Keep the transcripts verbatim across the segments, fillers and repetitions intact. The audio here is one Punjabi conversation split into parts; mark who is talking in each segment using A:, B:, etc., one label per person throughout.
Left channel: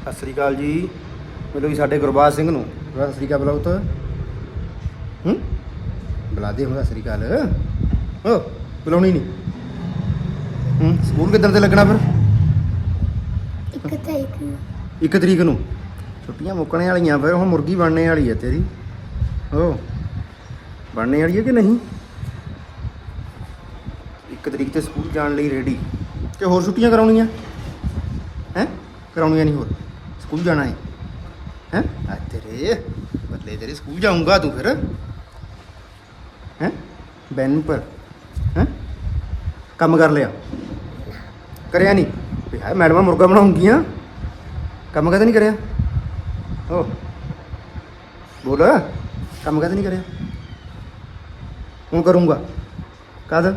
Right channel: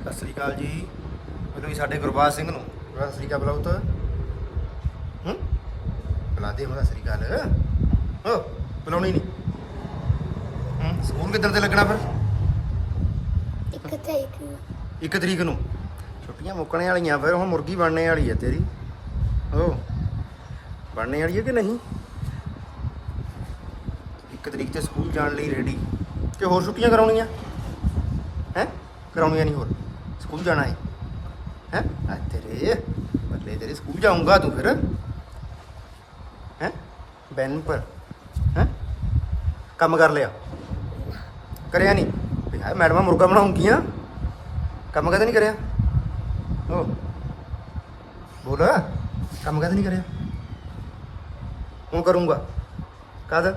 A: ਸਤਿ ਸ੍ਰੀ ਅਕਾਲ ਜੀ। ਮਿਲੋ ਜੀ ਸਾਡੇ ਗੁਰਬਾਜ ਸਿੰਘ ਨੂੰ। ਸਤਿ ਸ੍ਰੀ ਅਕਾਲ ਬੁਲਾਓ ਤਾਂ ਹੂੰ ਬੁਲਾ ਦੇ ਹੁਣ। ਸਤਿ ਸ੍ਰੀ ਅਕਾਲ ਹੋ ਬੁਲਾਉਣੀ ਨਹੀਂ। ਹੂੰ ਸਕੂਲ ਕਿੱਦਣ ਤੇ ਲੱਗਣਾ ਫਿਰ?
B: ਇੱਕ ਤਰੀਕ ਨੂੰ।
A: ਇੱਕ ਤਰੀਕ ਨੂੰ ਛੁੱਟੀਆਂ ਮੁੱਕਣੇ ਵਾਲੀਆਂ। ਫਿਰ ਹੁਣ ਮੁਰਗੀ ਬਣਨੇ ਵਾਲੀ ਹੈ ਤੇਰੀ। ਹੋ ਬਣਨੇ ਵਾਲੀ ਹੈ ਕਿ ਨਹੀਂ? ਇੱਕ ਤਰੀਕ ਤੇ ਸਕੂਲ ਜਾਣ ਲਈ ਰੈਡੀ ਕਿ ਹੋਰ ਛੁੱਟੀਆਂ ਕਰਾਉਣੀਆਂ ਹੈ? ਕਰਾਉਣੀਆਂ ਨਹੀਂ ਹੋਰ ਸਕੂਲ ਜਾਣਾ ਹੈ ਹੈ? ਆ ਤੇਰੇ ਬੱਲੇ ਤੇਰੇ ਸਕੂਲ ਜਾਊਂਗਾ ਤੂੰ ਫਿਰ ਹੈ? ਬੈਨ ਪਰ ਹੈ ਕੰਮ ਕਰ ਲਿਆ? ਕਰਿਆ ਨਹੀਂ? ਵੀ ਹੈ ਮੈਡਮਾਂ ਮੁਰਗਾ ਬਣਾਉਂਗੀਆਂ। ਕੰਮ ਕਦੇ ਨਹੀਂ ਕਰਿਆ? ਓ ਬੋਲ ਕੰਮ ਕਦੇ ਨਹੀਂ ਕਰਿਆ? ਹੁਣ ਕਰੂੰਗਾ ਕਦ?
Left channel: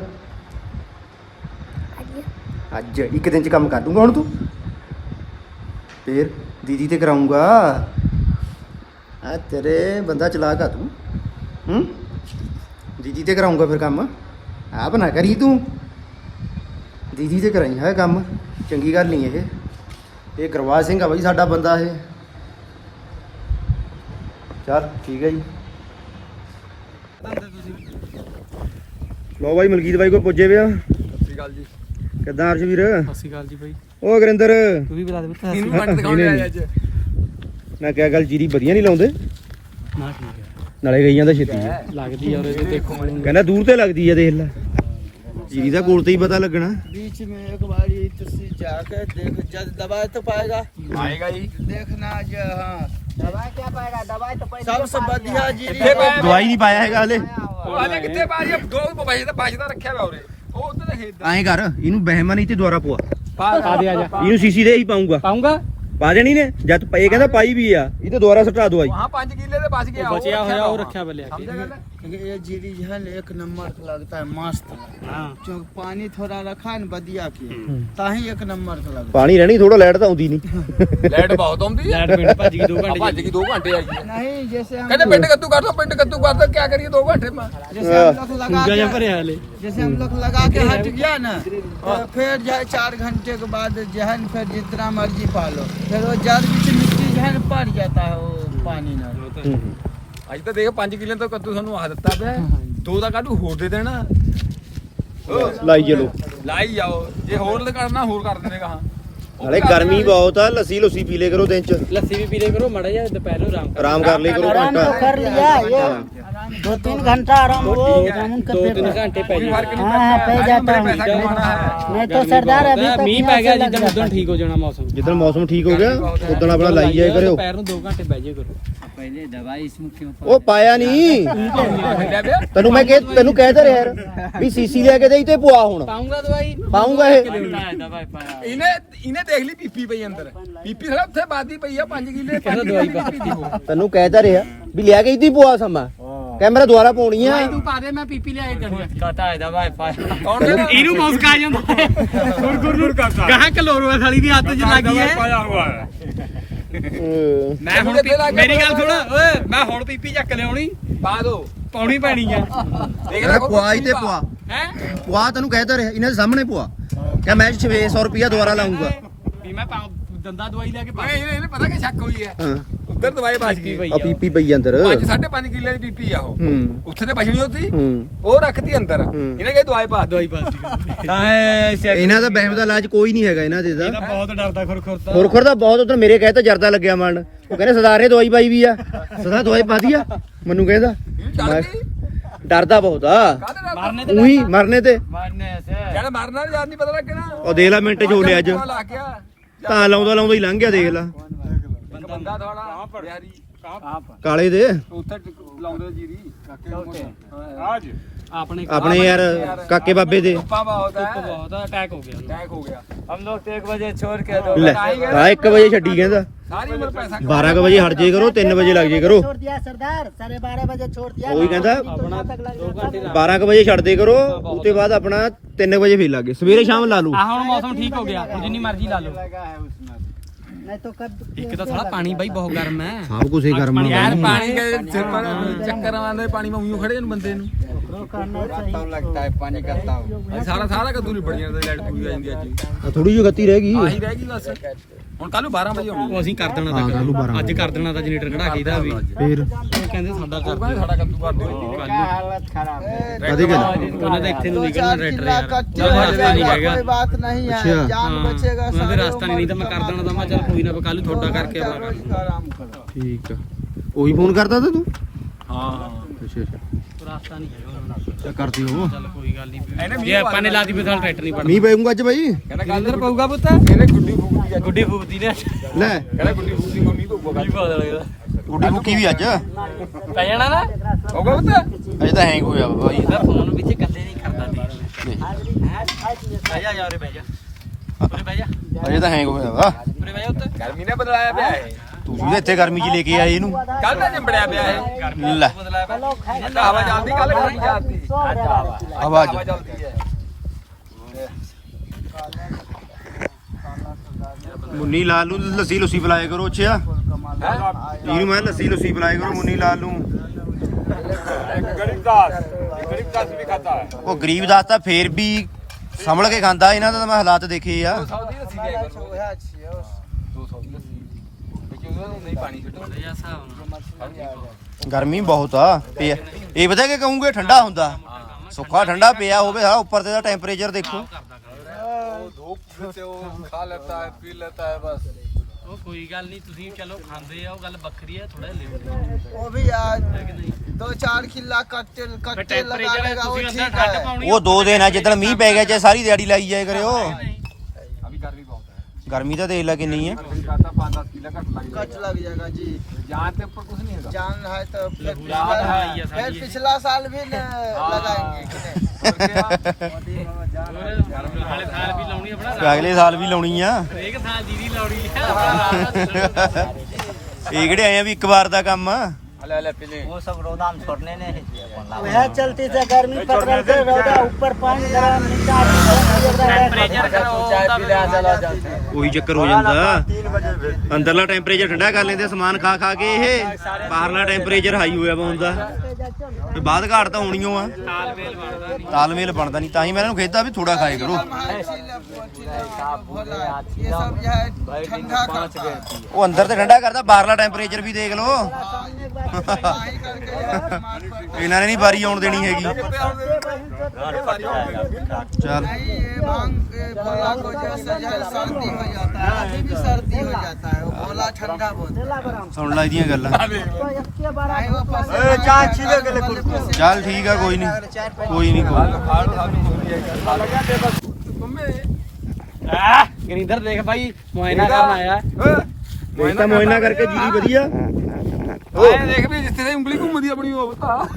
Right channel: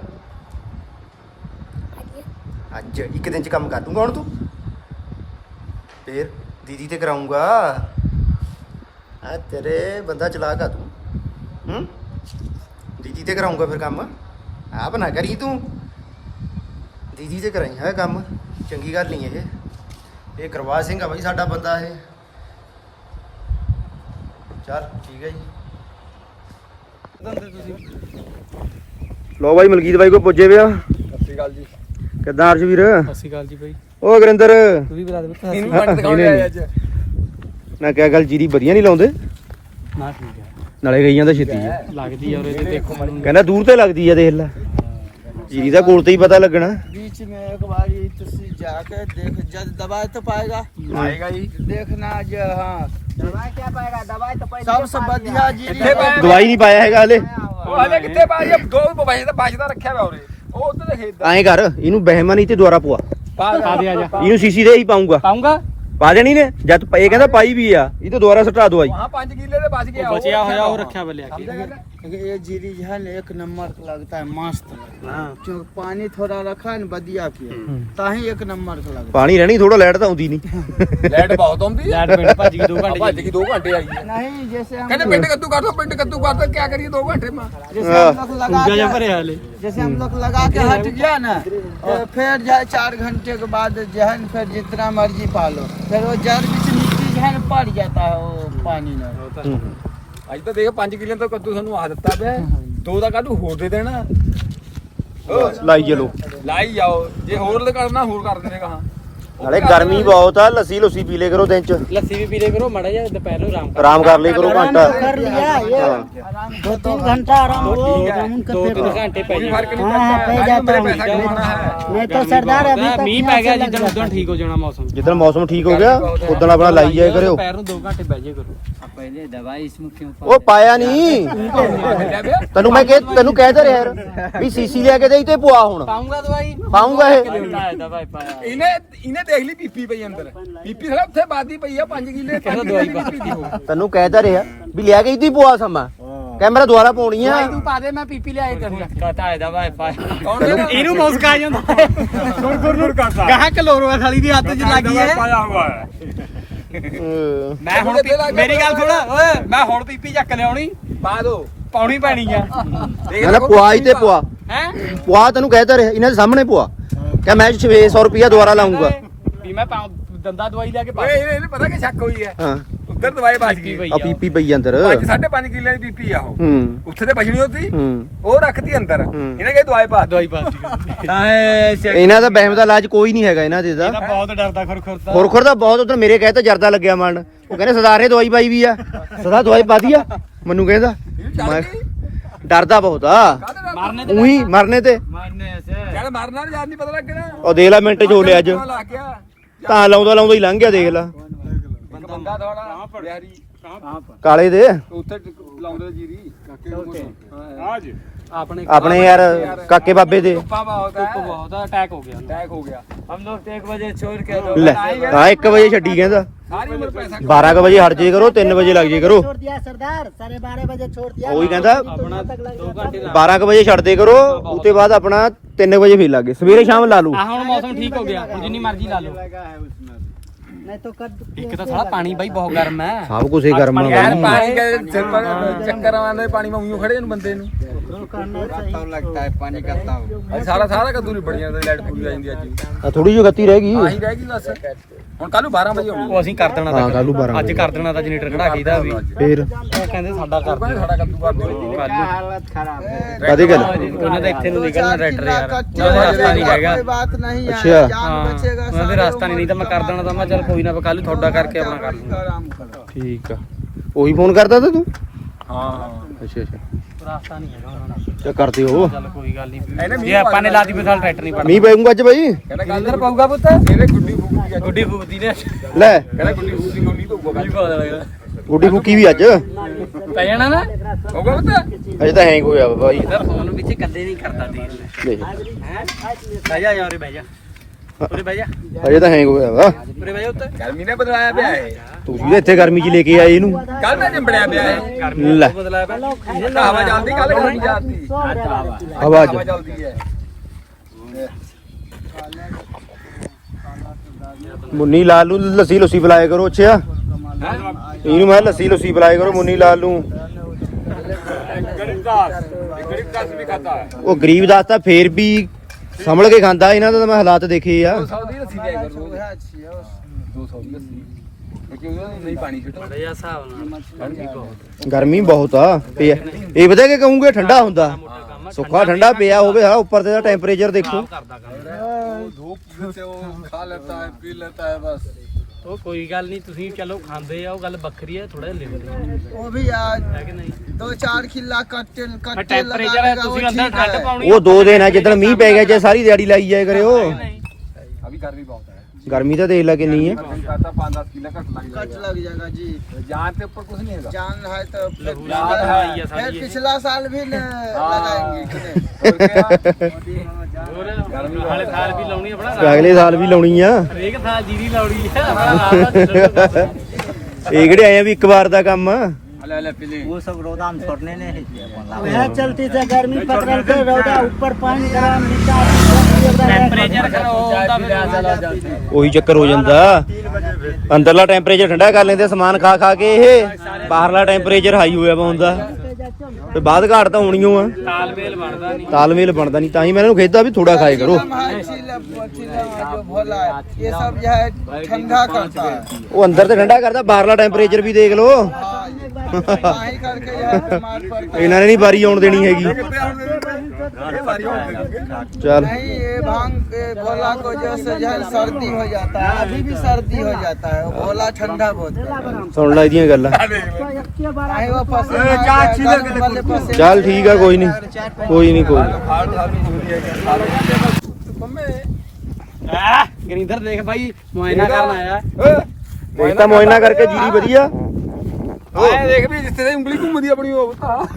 A: ਅੱਜ ਇੱਕ ਦਿਨ ਚ ਕੰਮ ਕਰ ਦੂੰਗਾ ਹੁਣ ਤੂੰ। ਫਿਰ ਦੀਦੀ ਤੇ ਕਰਾਉਂਗਾ। ਆ ਤੇਰੇ ਬੰਦਾ ਚਲਾਕ ਆ ਤੂੰ। ਹੂੰ ਦੀਦੀ ਤੇ ਕਰਾਉਂਗਾ ਫਿਰ ਕੰਮ। ਆਪ ਨਾ ਕਰੀ ਤੂੰ, ਦੀਦੀ ਤੇ ਕਰਾਈ ਹੈ ਕੰਮ। ਚੰਗੀ ਗੱਲ ਨਹੀਂ ਇਹ। ਇਹ ਗੁਰਬਾਜ ਸਿੰਘ ਆ ਬਾਈ ਸਾਡਾ ਬੰਦਾ ਇਹ। ਚੱਲ ਠੀਕ ਹੈ ਜੀ। ਲੋ ਬਾਈ ਮਲਕੀਤ ਬਾਈ ਕੋ ਪੁੱਜੇ ਪਿਆ।
C: ਸਤਿ ਸ਼੍ਰੀ ਅਕਾਲ ਜੀ।
A: ਕਿੱਦਾਂ ਅਰਸ਼ ਵੀਰ?
C: ਸਤਿ ਸ਼੍ਰੀ ਅਕਾਲ ਜੀ ਬਾਈ।
A: ਓ ਗੁਰਿੰਦਰ
C: ਤੂੰ ਵੀ ਬਤਾ ਦੇ ਬੱਤਾ ਇਹਨੂੰ ਮੰਡ ਦਿਖਾਉਣ ਆਇਆ ਅੱਜ।
A: ਮੈਂ ਕਿਹਾ ਗੱਲ ਜੀਰੀ ਵਧੀਆ ਨਹੀਂ ਲਾਉਂਦੇ
C: ਨਾ ਠੀਕ ਹੈ
A: ਨਾਲੇ ਗਈਆਂ ਤਾਂ ਛੇਤੀ
C: ਲੱਗਦੀ ਹੈ ਉਹਦੇ ਦੇਖੋ ਮੜੀ
A: ਕਹਿੰਦਾ ਦੂਰ ਤੇ ਲੱਗਦੀ ਆ। ਦੇਖ ਲੈ ਜੀਰੀ ਦਾ ਕੋਲ ਤੇ ਹੀ ਪਤਾ ਲੱਗਣਾ।
D: बीच में एक बार ये तुसी जाकर देख जब दवाई तो पाएगा
C: ਆਏਗਾ ਜੀ।
D: देखना जो हाँ
B: ਦਵਾਈ ਕਿਆ ਪਾਏਗਾ? ਦਵਾਈ ਤਾਂ ਪਹਿਲੇ
D: सबसे बढ़िया जी
C: ਕਿੱਥੇ ਪਾਇਆ?
A: ਦਵਾਈ ਨਹੀਂ ਪਾਇਆ ਹੈਗਾ ਹਲੇ।
C: ਉਹ ਹਲੇ ਕਿੱਥੇ ਪਾਇਆ? ਦੋ ਬਵਾਈ ਦਾ ਬਾਜਦਾ ਰੱਖਿਆ ਵਾ ਉਰੇ। ਉਹ ਉਧਰ ਦੇ ਖੇਤ ਦਾ
A: ਐਂ ਕਰ ਇਹਨੂੰ ਬਹਿਮਾ ਨਹੀਂ ਤੇ ਦੁਆਰਾ ਪਵਾ।
C: ਪਾ ਦੇ ਆ ਜਾ।
A: ਇਹਨੂੰ ਸੀਸੀ ਦੇ ਹੀ ਪਾਉਂਗਾ।
C: ਪਾਉਂਗਾ
A: ਪਾ ਦੇਣੀ ਨੇ ਜਦ ਇਹ ਕਹਿੰਦਾ ਪਾਈ ਵੀ ਆ। ਇਹ ਤੇ ਦੁਆਰਾ ਸਟਾ ਦਵਾਈ।
C: ਵਹਾਂ ਪੰਜ ਕਿੱਲੇ ਦੇ ਬਚ ਗਿਆ।
E: बचिया होया वो रखा बलिया
C: ਸਮਝਿਆ ਗੱਲ?
D: ये जीरी जो है ना एक नंबर का लगता है मस्त लगता है क्योंकि पानी थोड़ा रखा है ना बदिया की ताही एक नंबर का लगता
A: ਪਾਣੀ ਰਹਿਣੀ ਥੋੜਾ ਲਾਈਟ ਤਾਂ ਆਉਂਦੀ ਨਹੀਂ।
C: ਲਾਈਟ ਬਹੁਤ ਆਉਂਦੀ ਹੈ।
E: लाइट पिंड भाजी की दो
C: ਆ
E: घंटे
C: ਭੱਜ ਗਈ ਦੋ ਘੰਟੇ ਆਈ ਹੈ।
D: है नहीं जैसे हम
C: ਕਹਿੰਦੇ ਪਿੰਡ ਕੱਦੂ ਕਰ ਦੋ ਪਿੰਡ ਕੱਦੂ ਕਰ ਦੋ ਕੀ ਕਰੀਏ ਦੋ ਘੰਟੇ में?
D: जैसे हम लोग लगा
E: गया पर
D: के
E: हाले
D: जैसे हम लोग लगा के हट गया ना तो फिर जो है चार घंटे के बाद जो है ना फिर जितना मर्जी पालो फिर वो जड़ बीच मिट्टी जो है ना पड़ जाता है वो पानी ना।
C: ਅੱਜ ਤਾਂ ਦੇਖ ਪੰਜ ਕਿੱਲੇ ਤੋਂ ਕੱਦੂ ਸਾਨੂੰ ਆ ਦਿੱਤਾ ਪਿਆ। ਦੋ ਦਾ ਕੱਦੂ ਹੋਰ ਦੇ ਦੇਣਾ। ਓ
A: ਲਾਈ ਚਲੋ
C: ਲਾਈ ਜਾਓ। ਜੇ ਹੋਰ ਕਰਨਾ ਹੋਰ ਕਰ ਦਿੰਦੇ ਕਹਾਂ।
A: ਨਾਲੇ ਗਰਮੀ ਬਹੁਤ ਆ। ਲੱਸੀ ਲੁੱਸੀ ਪੀ ਲੇ ਕਰੋ ਦਿਨ ਚ।
E: लस्सी भी पी ले करो मड़ा जा दोपहर में आराम
A: ਆਰਾਮ ਕਰ ਲਈ ਕਰੋ ਘੰਟਾ।
B: कर लिया ये दो तीन घंटा आराम हो
E: दो तीन घंटे
C: कोई
E: पहले
C: फर्क नहीं पड़ता है। सारी उम्र पैसा कमाना है।
B: नहीं तो सरदार अभी तक
E: मीह पै
B: यहाँ
E: गया
B: से लग
E: जिस
B: जाता
E: दिन ठीक हो जाना मौसम
A: ਜਿੱਦਣ ਮੌਸਮ ਠੀਕ ਹੋ ਗਿਆ ਉਦੋਂ ਆਪਣਾ ਲਾਈ ਜਾਇਆ ਕਰਿਓ।
E: दोपहर में दो घंटे बह जाया करो
D: पहले दवाई इसमें क्यों
A: ਉਹ ਪਾਇਆ ਨਹੀਂ ਤੈਨੂੰ ਮੈਂ ਕਹਿ ਤੈਨੂੰ ਕਹਿ ਤਾ ਰਿਹਾ ਯਾਰ ਵੀ ਸੀਸੀ ਲਿਆ ਕੇ ਦੇ ਤੇ ਪਵਾ ਹੁਣ।
E: पाऊंगा दवाई
A: ਪਾਉਂਗਾ ਇਹ।
D: दवाई पाया
C: ਇਹਨੇ ਇਹਨੇ ਦੇਖ ਲਈ ਪੀਪੀ ਪਈ ਅੰਦਰ। ਪੀਪੀ ਸਾਲਾ ਉੱਥੇ ਬਾਦੀ ਪਈ ਆ ਪੰਜ ਕਿੱਲੇ ਪੰਜ ਕਿੱਲੇ ਦੀ ਪੀਪੀ ਦੀ ਹੋ।
A: ਤੈਨੂੰ ਕਹਿ ਤਾ ਰਿਹਾ ਵੀ ਲਿਆ ਕੇ ਇੱਥੇ ਪਵਾ ਸਮਾਂ ਕੈਮਰਾ ਦੁਆਰਾ ਪਾਉਣੀ ਆ।
E: दवाई तू पा दे मैं पीपी ले आया करूंगा
D: कहता है दवाई पाया
C: ਕੌਣ ਕਹਿੰਦਾ?
E: ਇਹਨੂੰ ਮੌਸਕ ਆ ਜਾਂਦਾ ਗੁਰ ਗੁਰ ਗੁਰ ਕਰਦਾ ਗਾਹਾਂ ਕਲੋਰਵਾ ਖਾਲੀ ਦੀ ਹੱਥ 'ਚ ਲੱਗੀ ਹੈ ਮੈਂ ਹੁਣ ਪੀ- ਮੇਰੀ ਗੱਲ ਸੁਣ ਓਏ ਮੈਂ ਹੁਣ ਪੀਪੀ ਚੱਕ ਲਿਆਉਣੀ
C: ਪਾ ਦੋ
E: ਪਾਉਣੀ ਪੈਣੀ ਆ
A: ਨਾ ਨਾ ਪਵਾ ਹੀ ਤੇ ਪਵਾ
E: ਹੈ
A: ਪਵਾ ਤੈਨੂੰ ਕਹਿ ਤਾ ਰਿਹਾ ਇਹਨਾਂ ਦੇ ਸਾਹਮਣੇ ਪਵਾ ਕਿਆ ਮੈਂ ਛੇ ਸੌ ਰੁਪਿਆ ਦੁਆਰਾ ਲਾਉਂਗਾ।
E: ਵੀ ਮੈਂ ਪਾਉਂ ਦੰਦਾ ਦਵਾਈ ਲਿਆ ਕੇ ਪਾ
C: ਓਏ ਇਹਨੂੰ ਪਤਾ ਕਿ ਸ਼ੱਕ ਹੋਈ ਹੈ।
A: ਹਾਂ
C: ਉੱਧਰ ਦਵਾਈ ਬਚ ਗਈ।
E: ਪਈ
A: ਆ ਪੀਪੀ ਪਈ ਅੰਦਰ।
C: ਪੰਜ ਸਾਢੇ ਪੰਜ ਕਿੱਲੇ ਦੀ ਪੀਪੀ ਆ ਉਹ।
A: ਹੂੰ
C: ਉੱਥੇ ਤੇ ਬਚਣੀ ਹੁੰਦੀ
A: ਹੂੰ
C: ਉਹ ਰੱਖਤੀ ਅੰਦਰ।
A: ਹੂੰ।
C: ਇਹਨੇ ਕਿ ਦਵਾਈ ਪਾ
E: ਦਵਾਈ ਪਾ ਦਿੱਤੀ ਆਏ ਸ਼ੇਕ
A: ਇਹਨਾਂ ਦਾ ਬਹਿਮ ਦਾ ਇਲਾਜ ਕੋਈ ਨਹੀਂ ਹੈਗਾ ਇਹਨਾਂ ਦੇ ਦਾ।
E: ਇਹਦਾ ਬਹੁਤ ਡਰਦਾ ਖੁਰਖੁਰਦਾ
A: ਖੁਰਖੁਰ ਦਾ ਬਹੁਤ ਉਧਰ ਮੇਰੇ ਕਹੇ ਤਾਂ ਜਰਦਾ ਲੱਗਿਆ ਮਨ। ਉਹ ਕਹਿੰਦੇ ਸਰਦਾਰ ਨੇ ਦਵਾਈ ਪਾਈ ਵੀ ਆ। ਸਰਦਾਰ ਦਵਾਈ ਪਾ ਦੀ ਆ ਮੈਨੂੰ ਕਹਿੰਦਾ
C: ਇਹਨੂੰ ਚੱਲ ਗਈ
A: ਡਰਦਾ ਬਹੁਤ ਆ
C: ਕਾਹਦੇ ਨਾਲ
E: ਮਾਰਨੇ ਤੇ
A: ਉਹੀ ਮਰਨੇ ਤੇ।
E: ਮਾਰਨੇ ਐਸੇ
C: ਚੱਲ ਮਰਨਾ ਨਹੀਂ ਯਾਦ ਨਹੀਂ ਪਤਾ ਲੱਗਣਾ।
A: ਉਹ ਦੇਖ ਲੈ ਮਿੰਟ ਚ ਹੋ ਲਿਆ ਅੱਜ
C: ਲਾ ਕੇ ਆ।
A: ਤਾਂ ਲਾਉਂਦਾ ਲਾਉਂਦਾ ਹੀ ਲੰਘ ਗਿਆ। ਦੇਖ ਲੈ
C: ਇੱਕ ਬੰਦਾ ਥੋੜਾ ਬਿਹਾਰੀ
A: ਕਾਲੇ ਦੇ
C: ਉੱਥੇ ਲਾਉਂਦੇ ਜੀਰੀ
E: आज अपने
A: ਆਪਣੇ ਯਾਰ ਕਾਕੇ ਬਾਬੇ ਦੇ
C: ਧੁੱਪਾ ਬਹੁਤ ਹੈ।
E: बहुत अटैक हो गया
C: ਅਟੈਕ ਹੋ ਗਿਆ।
D: हम लोग तो एक बजे छोड़ के
A: ਲੈ ਤਾਂ ਇੱਕ ਵਜੇ ਛੱਡੀ ਕਹਿੰਦਾ
C: ਸਾਰੀ ਉਮਰ ਪੈਸਾ
A: ਬਾਰਾਂ ਕੁ ਵਜੇ ਹਟ ਜੇ ਕਰੋ ਤਿੰਨ ਵਜੇ ਲੱਗ ਜੇ ਕਰੋ।
B: छोड़ दिया सरदार साढ़े बारह बजे छोड़ दिया।
A: ਉਹੀ ਕਹਿੰਦਾ
B: तो यहाँ तक लग जाता।
A: ਬਾਰਾਂ ਕੁ ਵਜੇ ਛੱਡਦੇ ਕਰੋ। ਉਤੇ ਬਾਅਦ ਆਪਣਾ ਤਿੰਨ ਵਜੇ ਫੇਰ ਲੱਗੇ ਸਵੇਰੇ ਸ਼ਾਮ ਲਾ ਲੂ।
E: आ हुन मौसम ठीक हो गया हुन जिन्नी मर्जी ला लो
B: नहीं तो कब
E: एक तो साला पानी भाई बहुत गर्म है
A: ਸਭ ਕੁਛ ਹੀ ਗਰਮ ਹੋ
C: ਯਾਰ
A: ਗਿਆ।
C: ਪਾਣੀ ਦੇ ਚੱਕਰ ਆਉਂਦੇ ਪਾਣੀ ਮੈਂ ਉਈਓ ਖੜੇ ਨੂੰ ਬੰਦੇ ਨੂੰ।
D: लगता है पानी का ताव
C: ਅੱਜ ਸਾਰਾ ਸਾਰਾ ਕੱਦੂ ਨਹੀਂ ਬੜੀਆਂ ਲਾਈਟ ਪੂਰੀ ਆ ਜਾਂਦੀ ਅੱਜ।
A: ਥੋੜੀ ਜਿਹੀ ਗੱਤੀ ਰਹਿ ਗਈ।
C: ਆਹੀ ਰਹਿ ਗਈ ਬਸ। ਹੁਣ ਕੱਲ ਨੂੰ ਬਾਰਾਂ ਵਜੇ ਆਉਣੀ
E: ਉਹ ਅਸੀਂ ਕਰ ਦੇਣਾ
A: ਹਾਂ ਕੱਲ ਨੂੰ ਬਾਰਾਂ
E: ਅੱਜ ਕਰ ਦੇਣਾ ਤਾਂ ਜਨਰੇਟਰ ਕਢਾ ਕੇ ਇਹਦਾ ਵੀ
A: ਫੇਰ
E: ਉਹ ਕਹਿੰਦੇ ਸਾਡਾ ਕਰ ਦਿਓ
C: ਸਾਡਾ ਕੱਦੂ ਕਰ ਦਿਓ
E: ਕੱਲ ਨੂੰ
A: ਕਾਦੀ ਗੱਲ
E: ਉਹਨਾਂ ਦਾ ਇੱਥੇ ਨੂੰ ਨਿਕਲਣਾ ਟਰੈਕਟਰ ਯਾਰ
D: कच्चे
E: ਉਹਨਾਂ ਦਾ ਰਸਤਾ ਨਹੀਂ ਹੈਗਾ
D: कोई बात नहीं है
A: अच्छा।
D: जान
E: ਹਾਂ
D: बचेगा
E: ਉਹਨਾਂ ਦੇ ਰਸਤਾ ਨਹੀਂ ਨਹੀਂ ਤਾਂ ਮੈਂ ਕਰ ਦੇਣਾ ਤਾਂ ਮੈਂ ਚੱਲ ਕੋਈ ਨਾ ਕੱਲ ਨੂੰ ਤੁਹਾਡਾ ਕਰਕੇ ਆਪਣਾ ਕਰ ਲੂੰਗਾ
D: आराम करो
A: ਠੀਕ ਆ ਉਹੀ ਫੋਨ ਕਰਦਾ ਤਾ ਤੂੰ
C: ਹਾਂ
A: ਅੱਛਾ ਅੱਛਾ
E: ਰਸਤਾ ਨਹੀਂ ਹੈਗਾ ਉਹਨਾਂ ਦਾ
A: ਚਾ ਕਰਦੇ ਹੋ
E: ਚੱਲ ਕੋਈ ਗੱਲ ਨਹੀਂ ਜੇ ਆਪਾਂ ਨੇ ਲਾਦੀ ਬਸਾਲ ਟਰੈਕਟਰ ਨਹੀਂ ਪੜਨਾ
A: ਮੀਂਹ ਪੈਊਗਾ ਅੱਜ ਬਾਈ
C: ਕਹਿੰਦਾ ਗੱਲ ਪਊਗਾ ਪੁੱਤ ਇਹਨੇ ਗੁੱਡੀ ਫੂਕੀ ਆ
E: ਗੁੱਡੀ ਫੂਕਦੀ ਨੇ
A: ਲੈ
C: ਕਹਿੰਦਾ ਗੁੱਡੀ ਫੂਕੀ ਹੋਣੀ ਪਊਗਾ
E: ਨਹੀਂ ਪਤਾ ਲੱਗਦਾ
A: ਗੁੱਡੀ ਫੁੱਕੀ ਵੀ ਅੱਜ
E: ਪੈ ਜਾਣਾ ਨਾ
C: ਹੋਊਗਾ ਪੁੱਤ
A: ਅਜੇ ਤਾਂ ਹੈਂਗ ਹੋਇਆ ਵਾ ਬਾਈ
E: ਇਹਦਾ ਫੋਨ ਵਿੱਚ ਕੱਲੇ ਨਹੀਂ ਕਰਦਾ ਦੇਖ ਲੈ
A: ਦੇਖ
E: ਬਹਿ ਜਾ ਯਾਰ ਬਹਿ ਜਾ ਉਰੇ ਬਹਿ ਜਾ
A: ਅਜੇ ਤਾਂ ਹੈਂਗ ਹੋਇਆ ਵਾ
E: ਉਰੇ ਬਹਿ ਜਾ ਉੱਤੇ
C: ਗਰਮੀ ਨੇ ਬਦਲਾਇਆ ਪਿਆ ਹੈ
A: ਤੁਸੀਂ ਤਾਂ ਇੱਥੇ ਗਰਮੀ 'ਚ ਲੈ ਕੇ ਆਏ ਇਹਨੂੰ
C: ਕੱਲ ਤਾਂ ਚੰਬੜਿਆ ਪਿਆ ਹੈ
E: ਗਰਮੀ
A: ਲੈ।
E: ਤੋਂ ਬਦਲਾਇਆ ਪਿਆ ਇਹਨੇ
C: ਹਵਾ ਚੱਲਦੀ ਕੱਲ ਗਰਮੀ ਚੱਲਦੀ
A: ਆਵਾਜ਼
C: ਹਵਾ ਚੱਲਦੀ ਹੈ
A: ਮੁੰਨੀ ਲਾਲ ਨੂੰ ਲੱਸੀ ਲੁੱਸੀ ਪਿਲਾਇਆ ਕਰੋ ਅੱਛਾ
C: ਹੈ
A: ਇਹਨੂੰ ਮੈਂ ਲੱਸੀ ਲੁੱਸੀ ਪਿਲਾਇਆ ਕਰੋ ਮੁੰਨੀ ਲਾਲ ਨੂੰ
C: ਗਰੀਬ ਦਾਸ ਗਰੀਬ ਦਾਸ ਵੀ ਖਾਤਾ ਹੈ
A: ਉਹ ਗਰੀਬ ਦਾਸ ਤਾਂ ਫੇਰ ਵੀ ਸੰਭਲ ਕੇ ਖਾਂਦਾ ਇਹਨਾਂ ਦਾ ਤਾਂ ਮੈਂ ਹਾਲਾਤ ਦੇਖੇ ਆ
C: ਸੌ ਦੀ ਲੱਸੀ ਲਿਆ ਕਰ ਰੋਜ਼ ਦੋ ਸੌ ਦੀ ਲੱਸੀ ਕਿਉਂਕਿ ਉਹਦਾ ਨਹੀਂ ਪਾਣੀ ਛੱਡੋ
E: ਬੜਾ ਜਿਹਾ ਹਿਸਾਬ ਨਾਲ ਗਰਮੀ ਬਹੁਤ
A: ਗਰਮੀ ਬਹੁਤ ਆ ਪਿਆ ਇਹ ਪਤਾ ਕਿ ਕਹੂੰਗੇ ਠੰਡਾ ਹੁੰਦਾ ਸੁੱਕਾ ਠੰਡਾ ਪਿਆ ਹੋਵੇ ਹਾਂ ਉੱਪਰ ਤੇ ਦਾ ਟੈਂਪਰੇਚਰ ਦੇਖੋ
E: ਕਰਦਾ ਕੰਮ
C: धूप से वो खा लेता है पी लेता है बस
E: ਉਹ ਕੋਈ ਗੱਲ ਨਹੀਂ ਤੁਸੀਂ ਚਲੋ ਖਾਂਦੇ ਆ ਉਹ ਗੱਲ ਵੱਖਰੀ ਹੈ ਥੋੜਾ ਜਿਹਾ ਲਿਮਦੇ
D: वो भी आज
E: ਹੈ ਕਿ ਨਹੀਂ
D: दो चार किला कट्टे कट्टे
E: ਟੈਂਪਰੇਚਰ
D: लगाएगा वो
E: ਤੁਸੀਂ ਅੰਦਰ
D: ठीक
E: ਠੰਡ
D: है
E: ਪਾਉਣੀ
A: ਉਹ ਦੋ ਦਿਨ ਆ ਜਿੱਦਣ ਮੀਂਹ ਪੈ ਗਿਆ ਜੇ ਸਾਰੀ ਦਿਹਾੜੀ ਲਾਈ ਜਾਏ ਕਰਿਓ
C: अभी गर्मी बहुत है
A: ਗਰਮੀ ਤਾਂ ਦੇਖ ਲੈ ਕਿੰਨੀ ਹੈ
C: गर्मी कहता पाँच दस किलो कट लग
D: कट
C: जाएगा
D: लग जाएगा जी
C: जहाँ पे ऊपर कुछ नहीं होगा
D: जान है तो फिर
C: याद है
D: फिर पिछला साल भी न लगाएंगे
C: और क्या?
E: ਅਗਲੇ ਸਾਲ ਵੀ ਲਾਉਣੀ ਆਪਣਾ
A: ਅਗਲੇ ਸਾਲ ਵੀ ਲਾਉਣੀ ਆ
E: ਹਰੇਕ ਸਾਲ ਜੀਰੀ ਲਾਉਣੀ ਹੈ ਆਪਣਾ ਰਾਤ ਦਾ
A: ਇਹ ਕਿਹੜੇ ਆਏ ਆ ਵੀ ਇੱਕ ਵਾਰ ਦਾ ਕੰਮ ਆ
C: ले ले पी ले
B: वो सब रौदा में छोड़ने नहीं है चलती से गर्मी पकड़ के रौदा ऊपर पाँच ग्राम नीचा
E: ਟੈਂਪਰੇਚਰ ਖਰਾਬ ਹੁੰਦਾ ਫਿਰ
A: ਉਹੀ ਚੱਕਰ ਹੋ ਜਾਂਦਾ ਅੰਦਰਲਾ ਟੈਂਪਰੇਚਰ ਠੰਡਾ ਕਰ ਲੈਂਦੇ ਸਮਾਨ ਖਾ ਖਾ ਕੇ ਇਹ ਬਾਹਰਲਾ ਟੈਂਪਰੇਚਰ ਹਾਈ ਹੋਇਆ ਵਾ ਹੁੰਦਾ ਤੇ ਬਾਅਦ ਘਾਟ ਤਾਂ ਹੋਣੀ ਓ ਆ
E: ਤਾਲਮੇਲ ਬਣਦਾ ਨਹੀਂ
A: ਤਾਲਮੇਲ ਬਣਦਾ ਨਹੀਂ ਤਾਂ ਹੀ ਮੈਂ ਇਹਨਾਂ ਨੂੰ ਖੇਡਦਾ ਵੀ ਥੋੜਾ ਖਾਏ ਕਰੋ
D: चिलम है चिलम चिलम है जो भोला है ये सब जो है ठंडा करता है
A: ਉਹ ਅੰਦਰ ਤੇ ਠੰਡਾ ਕਰਦਾ ਬਾਹਰਲਾ ਟੈਂਪਰੇਚਰ ਵੀ ਦੇਖ ਲਓ
D: हाँ, ये काहे करके जो है बीमार पड़ता है
A: ਇਹਨਾਂ ਨੇ ਨਹੀਂ ਵਾਰੀ ਆਉਣ ਦੇਣੀ ਹੈਗੀ ਚੱਲ
D: नहीं ये भांग ये भोला को जो से जो है सर्दी हो जाता है अभी भी सर्दी हो जाता है वो भोला ठंडा बहुत करता है
A: ਸੁਣ ਲੈ ਇਹਦੀਆਂ ਗੱਲਾਂ
D: नहीं वो पसीना आ गया, गर्म वाले पसीने
A: ਚੱਲ ਠੀਕ ਆ ਕੋਈ ਨਹੀਂ ਕੋਈ ਨਹੀਂ ਕੋਈ ਨੀ।
E: ਗਰਿੰਦਰ ਦੇਖ ਭਾਈ ਮੁਆਇਨਾ ਕਰਨ ਆਇਆ
A: ਇਹ ਤਾਂ ਮੋਇਨਾ ਕਰਕੇ ਜੀਰੀ ਵਧੀਆ
C: आए देख भी जिस तरह उंगली घूमदी अपनी वो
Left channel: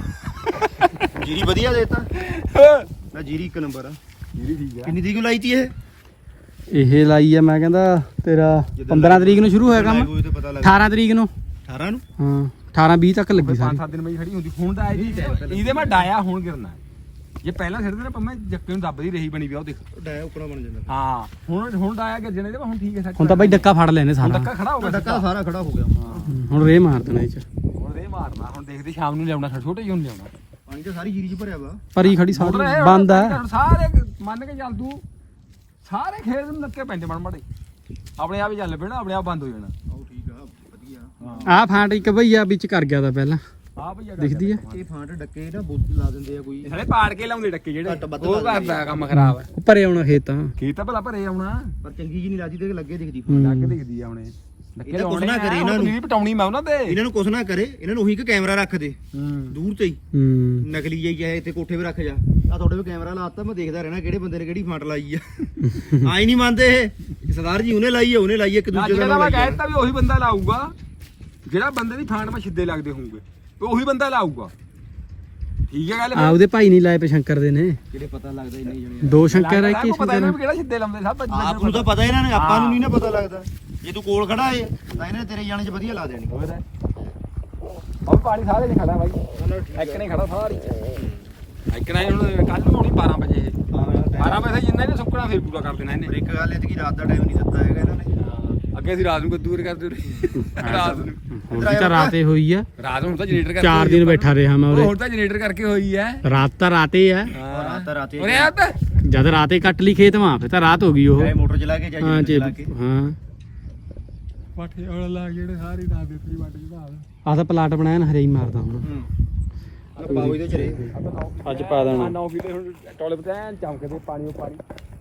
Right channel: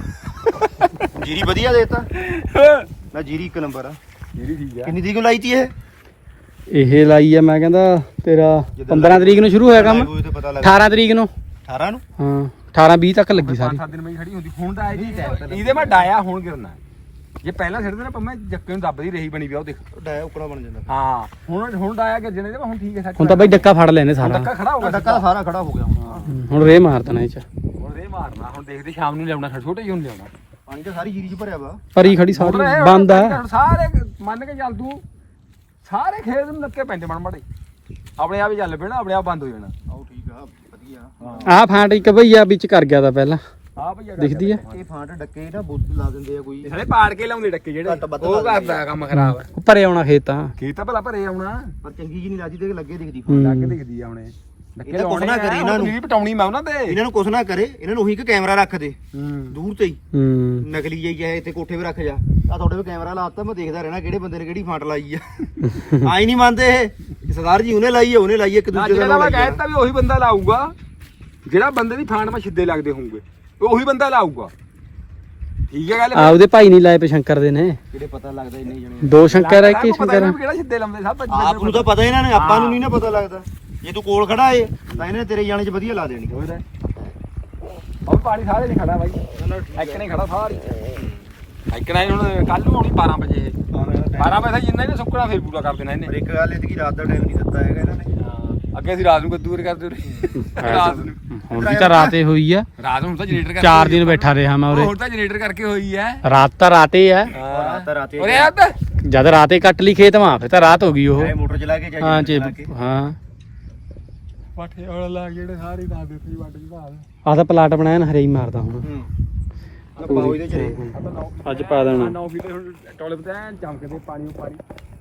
A: ਜੀਰੀ ਵਧੀਆ ਦੇਤਾ ਨਾ ਜੀਰੀ ਇੱਕ ਨੰਬਰ ਆ
C: जीरी ठीक है
A: ਕਿੰਨੀ ਤਰੀਕ ਨੂੰ ਲਾਈ ਤੀ ਇਹ
E: ਇਹ ਲਾਈ ਆ ਮੈਂ ਕਹਿੰਦਾ ਤੇਰਾ ਪੰਦਰਾਂ ਤਰੀਕ ਨੂੰ ਸ਼ੁਰੂ ਹੋਇਆ ਕੰਮ
A: ਕੋਈ ਤੇ ਪਤਾ ਲੱਗ
E: ਅਠਾਰਾਂ ਤਰੀਕ ਨੂੰ
A: ਅਠਾਰਾਂ ਨੂੰ
E: ਹਾਂ ਅਠਾਰਾਂ ਵੀਹ ਤੱਕ ਲੱਗੀ ਸਾਰੀ
C: ਸੱਤ ਦਿਨ ਮੈਂ ਖੜੀ ਹੁੰਦੀ ਹੁਣ ਤਾਂ ਆਈ ਇਹਦੇ ਮੈਂ ਡਾਇਆ ਹੁਣ ਗਿਰਨਾ ਜੇ ਪਹਿਲਾਂ ਛੱਡਦੇ ਨਾ ਪੰਮੇ ਜੱਕੇ ਨੂੰ ਦੱਬਦੀ ਰਹੀ ਬਣੀ ਪਿਆ ਉਹ ਦੇਖ
A: ਡਾਇਆ ਉਕਣਾ ਬਣ ਜਾਂਦਾ
C: ਹਾਂ ਹੁਣ ਹੁਣ ਡਾਇਆ ਗਿਰਜਣੇ ਦੇ ਹੁਣ ਠੀਕ ਹੈ ਸੱਚ
E: ਹੁਣ ਤਾਂ ਬਾਈ ਡੱਕਾ ਫੜ ਲੈਨੇ
C: ਹੁਣ
E: ਸਾਰਾ
C: ਧੱਕਾ ਖੜਾ ਹੋ ਗਿਆ
A: ਡੱਕਾ ਤਾਂ ਸਾਰਾ ਖੜਾ ਹੋ ਗਿਆ ਹੁਣ
E: ਹੂੰ, ਹੁਣ ਰੇ ਮਾਰ ਦੇਣਾ ਇਹ ਚ
C: ਹੁਣ ਰੇ ਮਾਰਨਾ ਹੁਣ ਦੇਖਦੇ ਸ਼ਾਮ ਨੂੰ ਲਿਆਉਣਾ ਛੋਟੇ ਜਿਹੇ ਨੂੰ ਲਿਆਉਣਾ
A: ਪਾਣੀ ਤਾਂ ਸਾਰੀ ਜੀਰੀ 'ਚ ਭਰਿਆ ਵਾ
E: ਭਰੀ ਖੜੀ ਸਾਰੀ
C: ਹੁਣ ਇਹ
E: ਬੰਦ ਆ
C: ਹੁਣ ਸਾਰੇ ਮੰਨ ਕੇ ਚੱਲ ਤੂੰ ਸਾਰੇ ਖੇਤ ਨੂੰ ਨੱਕੇ ਪੈਂਦੇ ਮਣ ਮੜੇ ਆਪਣੇ ਆਪ ਹੀ ਚੱਲ ਪੈਣਾ ਆਪਣੇ ਆਪ ਬੰਦ ਹੋ ਜਾਣਾ
A: ਆਓ ਠੀਕ ਆ ਵਧੀਆ
E: ਆਹ ਫਾਂਟ ਇੱਕ ਭਈਆ ਵਿੱਚ ਕਰ ਗਿਆ ਤਾਂ ਪਹਿਲਾਂ
C: ਆ ਭਈਆ
E: ਦਿਖਦੀ ਆ
A: ਇਹ ਫਾਂਟ ਡੱਕੇ ਨਾ ਬੁੱਤ ਲਾ ਦਿੰਦੇ ਆ ਕੋਈ
C: ਸਾਰੇ ਪਾੜ ਕੇ ਲਾਉਂਦੇ ਡੱਕੇ ਜਿਹੜੇ
A: ਘੱਟ ਵੱਧ
C: ਉਹ ਕਰਦਾ ਕੰਮ ਖਰਾਬ ਹੈ
E: ਭਰੇ ਆਉਣਾ ਖੇਤ ਤਾਂ
C: ਖੇਤ ਤਾਂ ਭਲਾ ਭਰੇ ਆਉਣਾ
A: ਪਰ ਚੰਗੀ ਜੀ ਨਹੀਂ ਲੱਗਦੀ ਤੇ ਲੱਗੇ ਦਿਖਦੀ
E: ਹੂੰ।
C: ਲੱਗ ਦਿਖਦੀ ਆ ਹੁਣੇ
A: ਇਹ ਤਾਂ ਕੁਛ ਨਾ ਕਰੇ ਇਹਨਾਂ ਨੂੰ।
C: ਵੀ ਪਟਾਉਣੀ ਮੈਂ ਉਹਨਾਂ ਤੇ
A: ਇਹਨਾਂ ਨੂੰ ਕੁਛ ਨਾ ਕਰੇ ਇਹਨਾਂ ਨੂੰ ਉਹੀ ਕਿ ਕੈਮਰਾ ਰੱਖ ਦੇ
C: ਹੂੰ
A: ਦੂਰ ਤੇ ਹੀ
E: ਹੂੰ
A: ਨਕਲੀ ਜਾਈ ਚਾਹੇ ਇੱਥੇ ਕੋਠੇ 'ਤੇ ਰੱਖ ਜਾ ਆ ਤੁਹਾਡੇ ਵੀ ਕੈਮਰਾ ਲਾਤਾ ਮੈਂ ਦੇਖਦਾ ਰਹਿਣਾ ਕਿਹੜੇ ਬੰਦੇ ਨੇ ਕਿਹੜੀ ਫਾਂਟ ਲਾਈ ਆ ਆਈ ਨਹੀਂ ਮੰਨਦੇ ਇਹ ਸਰਦਾਰ ਜੀ ਉਹਨੇ ਲਾਈ ਆ ਉਹਨੇ ਲਾਈ ਆ, ਇੱਕ ਦੂਜੇ
C: ਜਿਹੜਾ
A: ਦਾ
C: ਮੈਂ
A: ਲਾਈ ਆ।
C: ਕਹਿਤਾ ਵੀ ਉਹੀ ਬੰਦਾ ਲਾਊਗਾ ਜਿਹੜਾ ਬੰਦੇ ਦੀ ਫਾਂਟ ਮੈਂ ਛਿੱਦੇ ਲੱਗਦੇ ਹੋਣਗੇ ਉਹੀ ਬੰਦਾ ਲਾਊਗਾ ਠੀਕ ਹੈ ਗੱਲ
E: ਆ ਉਹਦੇ ਭਾਈ ਨਹੀਂ ਲਾਏ ਪੇ ਸ਼ੰਕਰ ਦੇ ਨੇ
A: ਕਿਹੜੇ ਪਤਾ ਲੱਗਦਾ ਇੰਨੇ ਜਣੇ
E: ਦੋ ਸ਼ੰਕਰ ਹੈ ਕਿ
C: ਪਤਾ
E: ਸ਼ੰਕਰ
C: ਨਹੀਂ ਕਿਹੜਾ ਛਿੱਦੇ ਲਾਉਂਦੇ ਸਭ
A: ਆਪ ਨੂੰ ਤਾਂ ਪਤਾ ਇਹਨਾਂ ਨੇ ਆਪਾਂ ਨੂੰ ਨਹੀਂ ਨਾ ਪਤਾ ਲੱਗਦਾ ਜੇ ਤੂੰ ਕੋਲ ਖੜਾ ਏ ਤਾਂ ਇਹਨੇ ਤੇਰੇ ਜਾਣੇ 'ਚ ਵਧੀਆ ਲਾ ਦੇਣੀ
C: ਹੋਰ ਉਹ ਪਾਣੀ ਸਾਰੇ ਨਹੀਂ ਖੜਾ ਬਾਈ ਇੱਕ ਨਹੀਂ ਖੜਾ ਸਾਰੀ ਇੱਕ ਨਹੀਂ ਹੁਣ ਕੱਲ ਨੂੰ ਆਉਣੀ ਬਾਰਾਂ ਵਜੇ ਬਾਰਾਂ ਵਜੇ ਜਿੰਨਾ ਇਹਨੇ ਸੁੱਕਣਾ ਫਿਰ ਪੂਰਾ ਕਰ ਦੇਣਾ ਇਹਨੇ
A: ਪਰ ਇੱਕ ਗੱਲ ਇਹ ਕਿ ਰਾਤ ਦਾ ਟਾਈਮ ਨਹੀਂ ਦਿੱਤਾ ਹੈਗਾ ਇਹਨਾਂ ਨੇ
C: ਅੱਗੇ ਅਸੀਂ ਰਾਤ ਨੂੰ ਕੱਦੂ ਕਰਦੇ ਰਹੇ ਰਾਤ ਨੂੰ
E: ਹੁਣ ਵੀ ਤਾਂ ਰਾਤੇ ਹੋਈ ਆ
C: ਰਾਤ ਨੂੰ ਤਾਂ ਜਨਰੇਟਰ ਕਰਕੇ
E: ਚਾਰ ਦਿਨ ਬੈਠਾ ਰਿਹਾ ਮੈਂ
C: ਹੁਣ
E: ਉਰੇ
C: ਤਾਂ ਜਨਰੇਟਰ ਕਰਕੇ ਹੋਈ ਹੈ
E: ਰਾਤ ਤਾਂ ਰਾਤੇ ਆ
A: ਰਾਤ ਤਾਂ ਰਾਤੇ
C: ਉਰੇ ਆ ਤਾਂ
E: ਜਦ ਰਾਤੇ ਕੱਟ ਲਈ ਖੇਤ ਮਾਂ ਫੇ ਤਾਂ ਰਾਤ ਹੋ ਗਈ ਉਹ
A: ਚਾਹੇ ਮੋਟਰ ਚਲਾ ਕੇ ਚਾਹੇ
E: ਹਾਂ
A: ਜਨਰੇਟਰ
E: ਜੀ
A: ਚਲਾ ਕੇ
E: ਹਾਂ
C: ਪਾਠੇ ਵਾਲਾ ਲਾ ਜਿਹੜੇ ਸਾਰੇ ਦਾ ਦੇ ਸੀ ਵੱਟ ਜਦਾ
E: ਆਹ ਤਾਂ ਪਲਾਟ ਬਣਾਇਆ ਨਾ ਹਰੇ ਹੀ ਮਾਰਦਾ ਹੁਣ
A: ਹੂੰ ਪਾਉ ਇਹਦੇ ਚ ਰੇ
E: ਅੱਜ ਪਾ ਦੇਣਾ
C: ਨੌ ਕਿਲੇ ਹੁਣ ਟੋਲੇ ਤੇ ਐਨ ਚਮਕਦੇ ਪਾਣੀ ਪਾਣੀ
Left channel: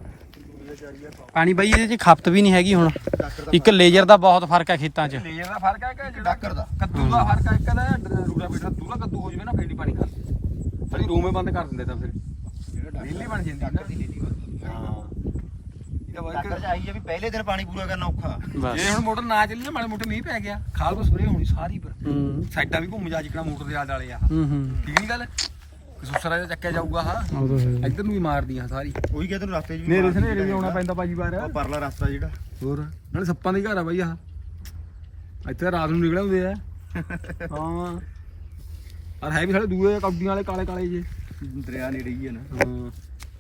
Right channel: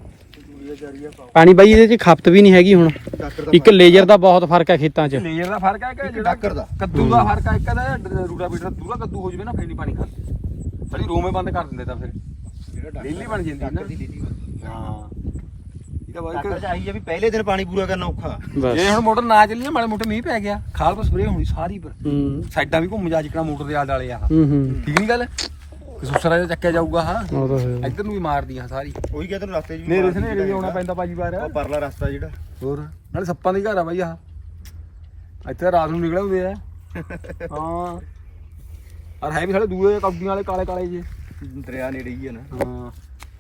E: ਪਾਣੀ ਬਾਈ ਇਹਦੇ ਚ ਖਪਤ ਵੀ ਨਹੀਂ ਹੈਗੀ ਹੁਣ ਇੱਕ ਲੇਜ਼ਰ ਦਾ ਬਹੁਤ ਫਰਕ ਹੈ ਖੇਤਾਂ 'ਚ
C: ਲੇਜ਼ਰ ਦਾ ਫਰਕ ਹੈ ਕਿ ਜਿਹੜਾ
A: ਡਾਕਰ ਦਾ
C: ਕੱਦੂ ਦਾ ਫਰਕ ਹੈ ਇੱਕ ਦਾ ਰੂੜਾ ਬੀਟਰ ਦੂਰਾ ਕੱਦੂ ਹੋ ਜਵੇ ਨਾ ਫੇਰ ਨਹੀਂ ਪਾਣੀ ਖਾਂਦੇ ਸਾਡੀ ਰੋਵੇਂ ਬੰਦ ਕਰ ਦਿੰਦੇ ਤਾਂ ਫਿਰ ਲੀਲੀ ਬਣ ਜਾਂਦੀ ਨਾ ਹਾਂ ਇਹਦਾ ਵਰਕ
A: ਡਾਕਰ ਚ ਆਈ ਆ ਵੀ ਪਹਿਲੇ ਦਿਨ ਪਾਣੀ ਪੂਰਾ ਕਰਨਾ ਔਖਾ
E: ਬਸ
C: ਜੇ ਹੁਣ ਮੋਟਰ ਨਾ ਚੱਲੀ ਨਾ ਮਾੜੇ ਮੋਟੇ ਮੀਂਹ ਪੈ ਗਿਆ ਖਾਲ ਪਰ ਸਪਰੇਅ ਹੋਣੀ ਸਾਰੀ ਪਰ
E: ਹੂੰ
C: ਸਾਈਡਾਂ ਵੀ ਘੁੰਮ ਜਾ ਜਿਕਣਾ ਮੋਟਰ ਦੇ ਆਲੇ ਵਾਲੇ ਆ
E: ਹੂੰ ਹੂੰ
C: ਠੀਕ ਨਹੀਂ ਗੱਲ ਕਸੂਸਰਾ ਜਿਹਾ ਚੱਕਿਆ ਜਾਊਗਾ ਹਾਂ
E: ਉਹ ਤਾਂ ਹੈ
C: ਇੱਧਰ ਨੂੰ ਵੀ ਮਾਰਦੀਆਂ ਸਾਰੀ
A: ਉਹੀ ਕਹਿੰਦੇ ਤੈਨੂੰ ਰਸਤੇ 'ਚ ਵੀ
C: ਨੇੜੇ ਸਨੇੜੇ ਵੀ ਆਉਣਾ ਪੈਂਦਾ ਬਾਜੀ ਬਾਰ
A: ਉਹ ਪਰਲਾ ਰਸਤਾ ਜਿਹੜਾ
C: ਹੋਰ ਨਾਲੇ ਸੱਪਾਂ ਦੀ ਘਰ ਆ ਬਾਈ ਆਹ ਇੱਥੇ ਰਾਤ ਨੂੰ ਨਿਕਲੇ ਹੁੰਦੇ ਆ ਹਾਂ ਔਰ ਹੈ ਵੀ ਸਾਡੇ ਦੂਏ ਕੌਡੀਆਂ ਵਾਲੇ ਕਾਲੇ ਕਾਲੇ ਜੇ
A: ਦਰਿਆ ਨੇੜੇ ਹੀ ਆ ਨਾ
C: ਹਾਂ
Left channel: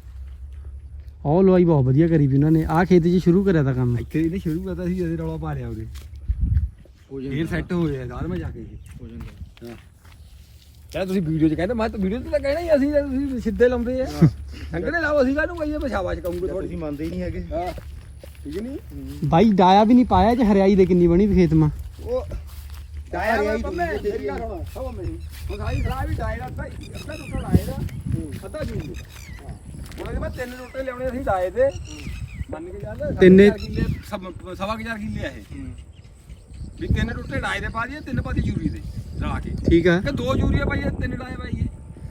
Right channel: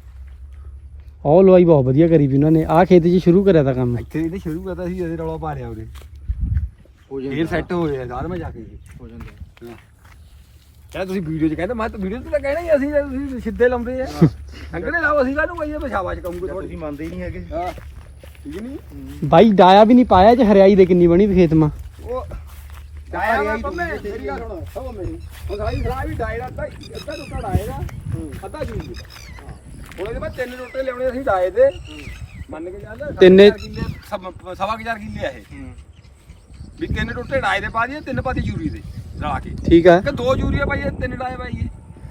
E: ਉਹ ਲਵਾਈ ਬਹੁਤ ਵਧੀਆ ਕਰੀ ਵੀ ਉਹਨਾਂ ਨੇ ਆਹ ਖੇਤ 'ਚ ਸ਼ੁਰੂ ਕਰਿਆ ਤਾਂ ਕੰਮ
C: ਇੱਥੇ ਇਹਨੇ ਸ਼ੁਰੂ ਕਰਤਾ ਸੀ ਇਹਦੇ ਰੌਲਾ ਪਾ ਲਿਆ ਉਹਦੇ
A: ਹੋ
C: ਫੇਰ ਸੈੱਟ ਹੋਏ ਆ ਬਾਅਦ ਮੈਂ ਜਾ ਕੇ
A: ਹੋ ਜਾਂਦਾ
C: ਕਹਿੰਦਾ ਤੁਸੀਂ ਵੀਡੀਓ 'ਚ ਕਹਿੰਦੇ ਮੈਂ ਤਾਂ ਵੀਡੀਓ 'ਚ ਤਾਂ ਕਹਿਣਾ ਹੀ ਅਸੀਂ ਜੇ ਤੁਸੀਂ ਸਿੱਧੇ ਲਾਉਂਦੇ ਆ ਅੰਗੜੇ ਲਾਓ ਅਸੀਂ ਕਾਹਨੂੰ ਕਹੀਏ ਪਛਾਵਾ 'ਚ ਕੰਮ
A: ਤੁਸੀਂ ਮੰਨਦੇ ਹੀ ਨਹੀਂ ਹੈਗੇ
C: ਹਾਂ ਠੀਕ ਨਹੀਂ
E: ਬਾਈ ਡਾਇਆ ਵੀ ਨਹੀਂ ਪਾਇਆ ਜੇ ਹਰਿਆਈ ਦੇ ਕਿੰਨੀ ਬਣੀ ਵੀ ਖੇਤ ਮਾ
C: ਉਹ ਡਾਇਆ ਵਾ ਪੰਮੇ ਮੇਰੀ ਗੱਲ ਸੁਣੋ ਸਭ ਮੇਰੀ ਉਹ ਸਾਈ ਖਰਾ ਵੀ ਡਾਇਰਾ ਤਾਂ ਅੱਧਾ ਟੁੱਟਾ ਡਾਇਰਾ ਅੱਧਾ ਜੀ ਹੁਣ ਇਹਦੇ ਬਾਅਦ ਤਿੰਨ ਟੁੱਟੇ ਲਿਆਉਣੇ ਅਸੀਂ ਡਾਏ ਦੇ ਮੰਨ ਕੇ ਚੱਲ
E: ਤਿੰਨੇ
C: ਸਵਾ ਸਵਾ ਕੁ ਹਜ਼ਾਰ ਕਿੱਲੇ ਆ ਇਹ ਵੀ ਤਿੰਨ ਟੁੱਟੇ ਡਾਏ ਦੇ ਪਾ ਦਈਏ ਤਿੰਨ ਪਾ ਦੀ ਯੂਰੀ ਦੇ ਰਲਾ ਕੇ
E: ਠੀਕ ਆ
C: ਕਿ ਦੋ ਯੂਰੀਆ ਪਾਈਏ ਤਿੰਨ ਡਾਏ ਪਾਈਏ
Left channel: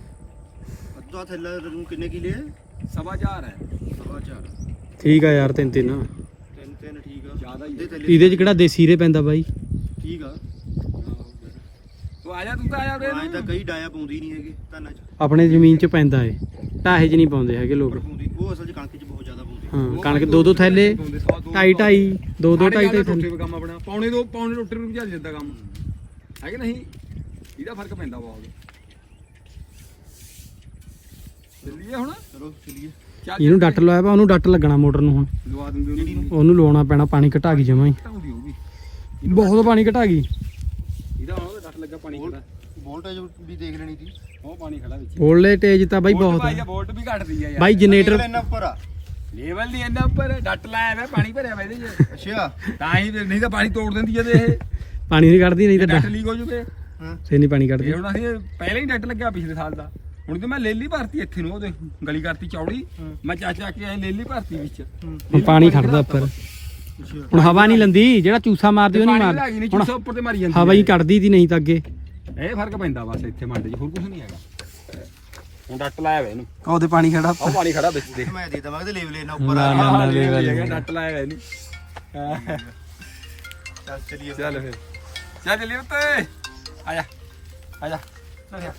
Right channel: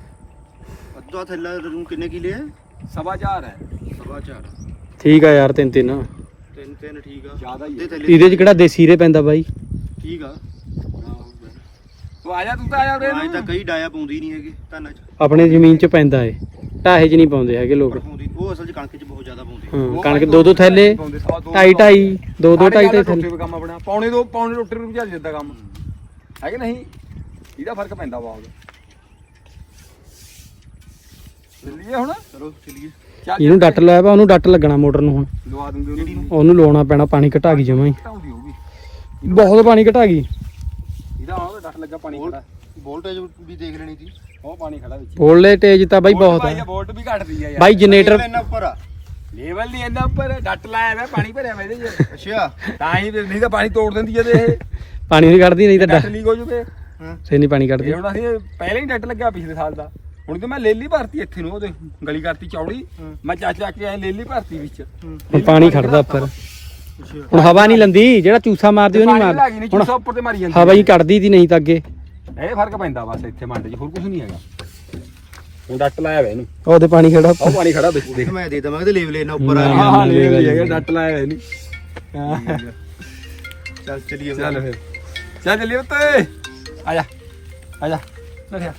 A: ਅੱਧਾ ਥੈਲਾ ਤੂੰ ਕਿੰਨੇ ਕਿਲੇ ਹੈ
C: ਸਵਾ ਹਜ਼ਾਰ ਹੈ
A: ਸਵਾ ਚਾਰ
E: ਠੀਕ ਆ ਯਾਰ ਤਿੰਨ ਤਿੰਨ
A: ਤਿੰਨ ਤਿੰਨ ਠੀਕ ਆ
C: ਜ਼ਿਆਦਾ ਹੀ
A: ਅੱਧੇ
C: ਹੈ।
A: ਥੈਲੇ
E: ਇਹਦੇ 'ਚ ਕਿਹੜਾ ਦੇਸੀ ਰੇ ਪੈਂਦਾ ਬਾਈ
A: ਠੀਕ ਆ
C: ਤੂੰ ਆ ਜਾ ਤੂੰ ਤਾਂ ਆ ਜਾ ਉਰੇ
A: ਐਂ ਤਾਂ
C: ਨੂੰ।
A: ਕਈ ਡਾਇਆ ਪਾਉਂਦੀ ਨਹੀਂ ਹੈਗੇ ਧਾਨਾਂ 'ਚ
E: ਆਪਣੇ ਜ਼ਮੀਨ 'ਚ ਪੈਂਦਾ ਏ ਢਾਹੇ 'ਚ ਨਹੀਂ ਪਾਉਂਦੇ ਹੈਗੇ ਲੋਕ
A: ਪਰ ਪਾਉਂਦੀ ਉਹ ਅਸਲ 'ਚ ਕਣਕ 'ਚ ਬਹੁਤ ਜ਼ਿਆਦਾ ਪਾਉਂਦੇ
E: ਹਾਂ
C: ਉਹ
E: ਕਣਕ
C: ਭਾਈ
E: ਦੋ ਦੋ ਥੈਲੇ
C: ਪਾਉਂਦੇ, ਸਵਾ ਦੋ
E: ਢਾਈ ਢਾਈ ਦੋ ਦੋ
C: ਸਾਡੇ
E: ਢਾਈ
C: ਗੱਲ
E: ਢਾਈ
C: ਟੁੱਟੇ
E: ਥੈਲੇ
C: ਵੀ ਕੰਮ ਆਪਣਾ ਪੌਣੇ ਦੋ ਪੌਣੇ ਰੋਟੀ ਨੂੰ ਭਜਾ ਦਿੰਦਾ ਕੰਮ ਹੈ ਕਿ ਨਹੀਂ ਇਹਦਾ ਫਰਕ ਪੈਂਦਾ ਬਹੁਤ ਚੱਲੀਏ ਹੁਣ
A: ਚਲੋ ਚਲੀਏ
C: ਚੱਲ
E: ਇਹਨੂੰ ਡੱਟ ਲਾਇਆ ਵਾ ਉਹਨੂੰ ਡੱਟ ਲੱਗਣਾ ਮੋਟਰ ਨੂੰ ਹੁਣ
C: ਲਵਾ ਦੂੰਗੇ ਉਹਨੂੰ
E: ਉਹਨੂੰ ਲਾਉਣਾ ਪੈਣਾ ਪਾਣੀ ਘਟਾ ਗਈ ਜਮਾਂ ਹੀ
C: ਘਟਾਉਂਦੀ ਹੋਊਗੀ
E: ਬਹੁਤ ਪਾਣੀ ਘਟਾ ਗਈ
C: ਇਹਦਾ ਹੁਣ ਡੱਟ ਲੱਗਾ ਪਾਣੀ ਖੜਾ
A: ਵੋਲਟੇਜ ਵੀ ਦੇਖ ਲੈਣੀ ਸੀ
C: ਉਹ ਪਾਣੀ ਖੜਾ ਵਿੱਚ
E: ਬੋਲੇ ਤੇਜ ਤਾਂ ਬਾਈ ਬਹੁਤ
C: ਆ
E: ਆ
C: ਵੋਲਟ ਵੀ ਘਟਦੀ ਆ ਯਾਰ
E: ਬਾਈ ਜਨਰੇਟਰ
A: ਇੰਨਾ ਉੱਪਰ ਆ
C: ਲੈਵਲ ਨਹੀਂ ਇੰਨਾ ਉੱਪਰ ਡੱਟ ਲਾਇਆ ਵਾ ਪਾਣੀ ਭਰਿਆ ਵਾ ਇਹਦੇ 'ਚ
A: ਅੱਛਾ
C: ਤਾਂ ਹੀ ਤੇ ਨਹੀਂ ਤਾਂ ਪਾਣੀ ਤੋੜ ਦਿੰਦੀ ਜਦੇ ਇਹ
E: ਪਾਣੀ ਨਹੀਂ ਕੱਢਦੀ ਨਹੀਂ ਤਾਂ
C: ਡੱਟ
E: ਡੱਟ
C: ਲੀਕ ਹੋ ਜੂਗੇ
A: ਹਾਂ
E: ਫੇਰ ਨਹੀਂ ਪਾਣੀ ਕੱਢਦੀ
C: ਇਹ ਹੁਣ ਅਸੀਂ ਪਹਿਲਾਂ ਹੀ ਡੱਟ ਲੱਗਿਆ ਪਿਛਲੇ ਸਾਲ ਦਾ ਹੁਣ ਤੇ ਮੈਂ ਲੇਲੀ ਭਰਤੀ ਇੱਥੇ ਨੂੰ ਉਹਦੇ ਗਲੀ ਕਰਤੀ ਚੌੜੀ ਮੈਂ ਚੱਕ ਚੱਕ ਕੇ ਐ ਲੇਲੀ ਭਰਤੀ ਵਿੱਚ
E: ਹੁਣ ਪਾਣੀ ਖੜਦਾ ਉੱਪਰ
A: ਅੱਛਾ
E: ਹੁਣ ਹਵਾ ਨਹੀਂ ਲੰਦੀ ਜਿਹੜਾ ਚੂਸਾ ਮਾਰਦੀ ਉਹ ਨਹੀਂ
C: ਪਾਣੀ ਲੱਗੀ
E: ਮਾਰ
C: ਨਹੀਂ
E: ਹੁਣ
C: ਚੂਸਾ ਉੱਪਰ ਤੇ ਮਾਰੀ ਜਾਂਦੀ
E: ਹਵਾ ਹੀ ਕੱਢਦੀ ਤੀ ਨਹੀਂ ਤਾਂ ਅੱਗੇ
C: ਇਹ ਫਰਕ ਪੈਂਦਾ ਬਸ ਇੱਥੇ ਮੰਡ 'ਚ ਹੋਰ ਕੁਝ ਨਹੀਂ ਹੈਗਾ ਹੁਣ ਡੱਟ ਲਾਇਆ ਵਾ ਇਹਨੂੰ
E: ਉਹਦੇ ਪਾਣੀ ਖੜਾ
C: ਉਹ ਪਾਣੀ ਖੜਾ ਦੇਖੋ ਦੇਖ
A: ਮੈਂ ਦੇ ਦਵਾਂ ਕਿ ਲੇਵਲ ਇਹਨਾਂ ਉੱਪਰ ਆ
E: ਨਾ,
A: ਗਿਆ
C: ਹਾਂ ਹਾਂ
E: ਲੈ ਲੈ
C: ਲੈ
E: ਲੈ।
C: ਲੈ ਡੱਟ ਲਾਇਆ ਵਾ ਇਹਨੂੰ
A: ਚੱਲ ਚਲੀਏ
C: ਚੱਲ ਫਿਰ ਚੱਲ ਚੱਲੀਏ ਉੱਤੇ ਆ ਜਾ ਆ ਜਾ ਨਠਿਆ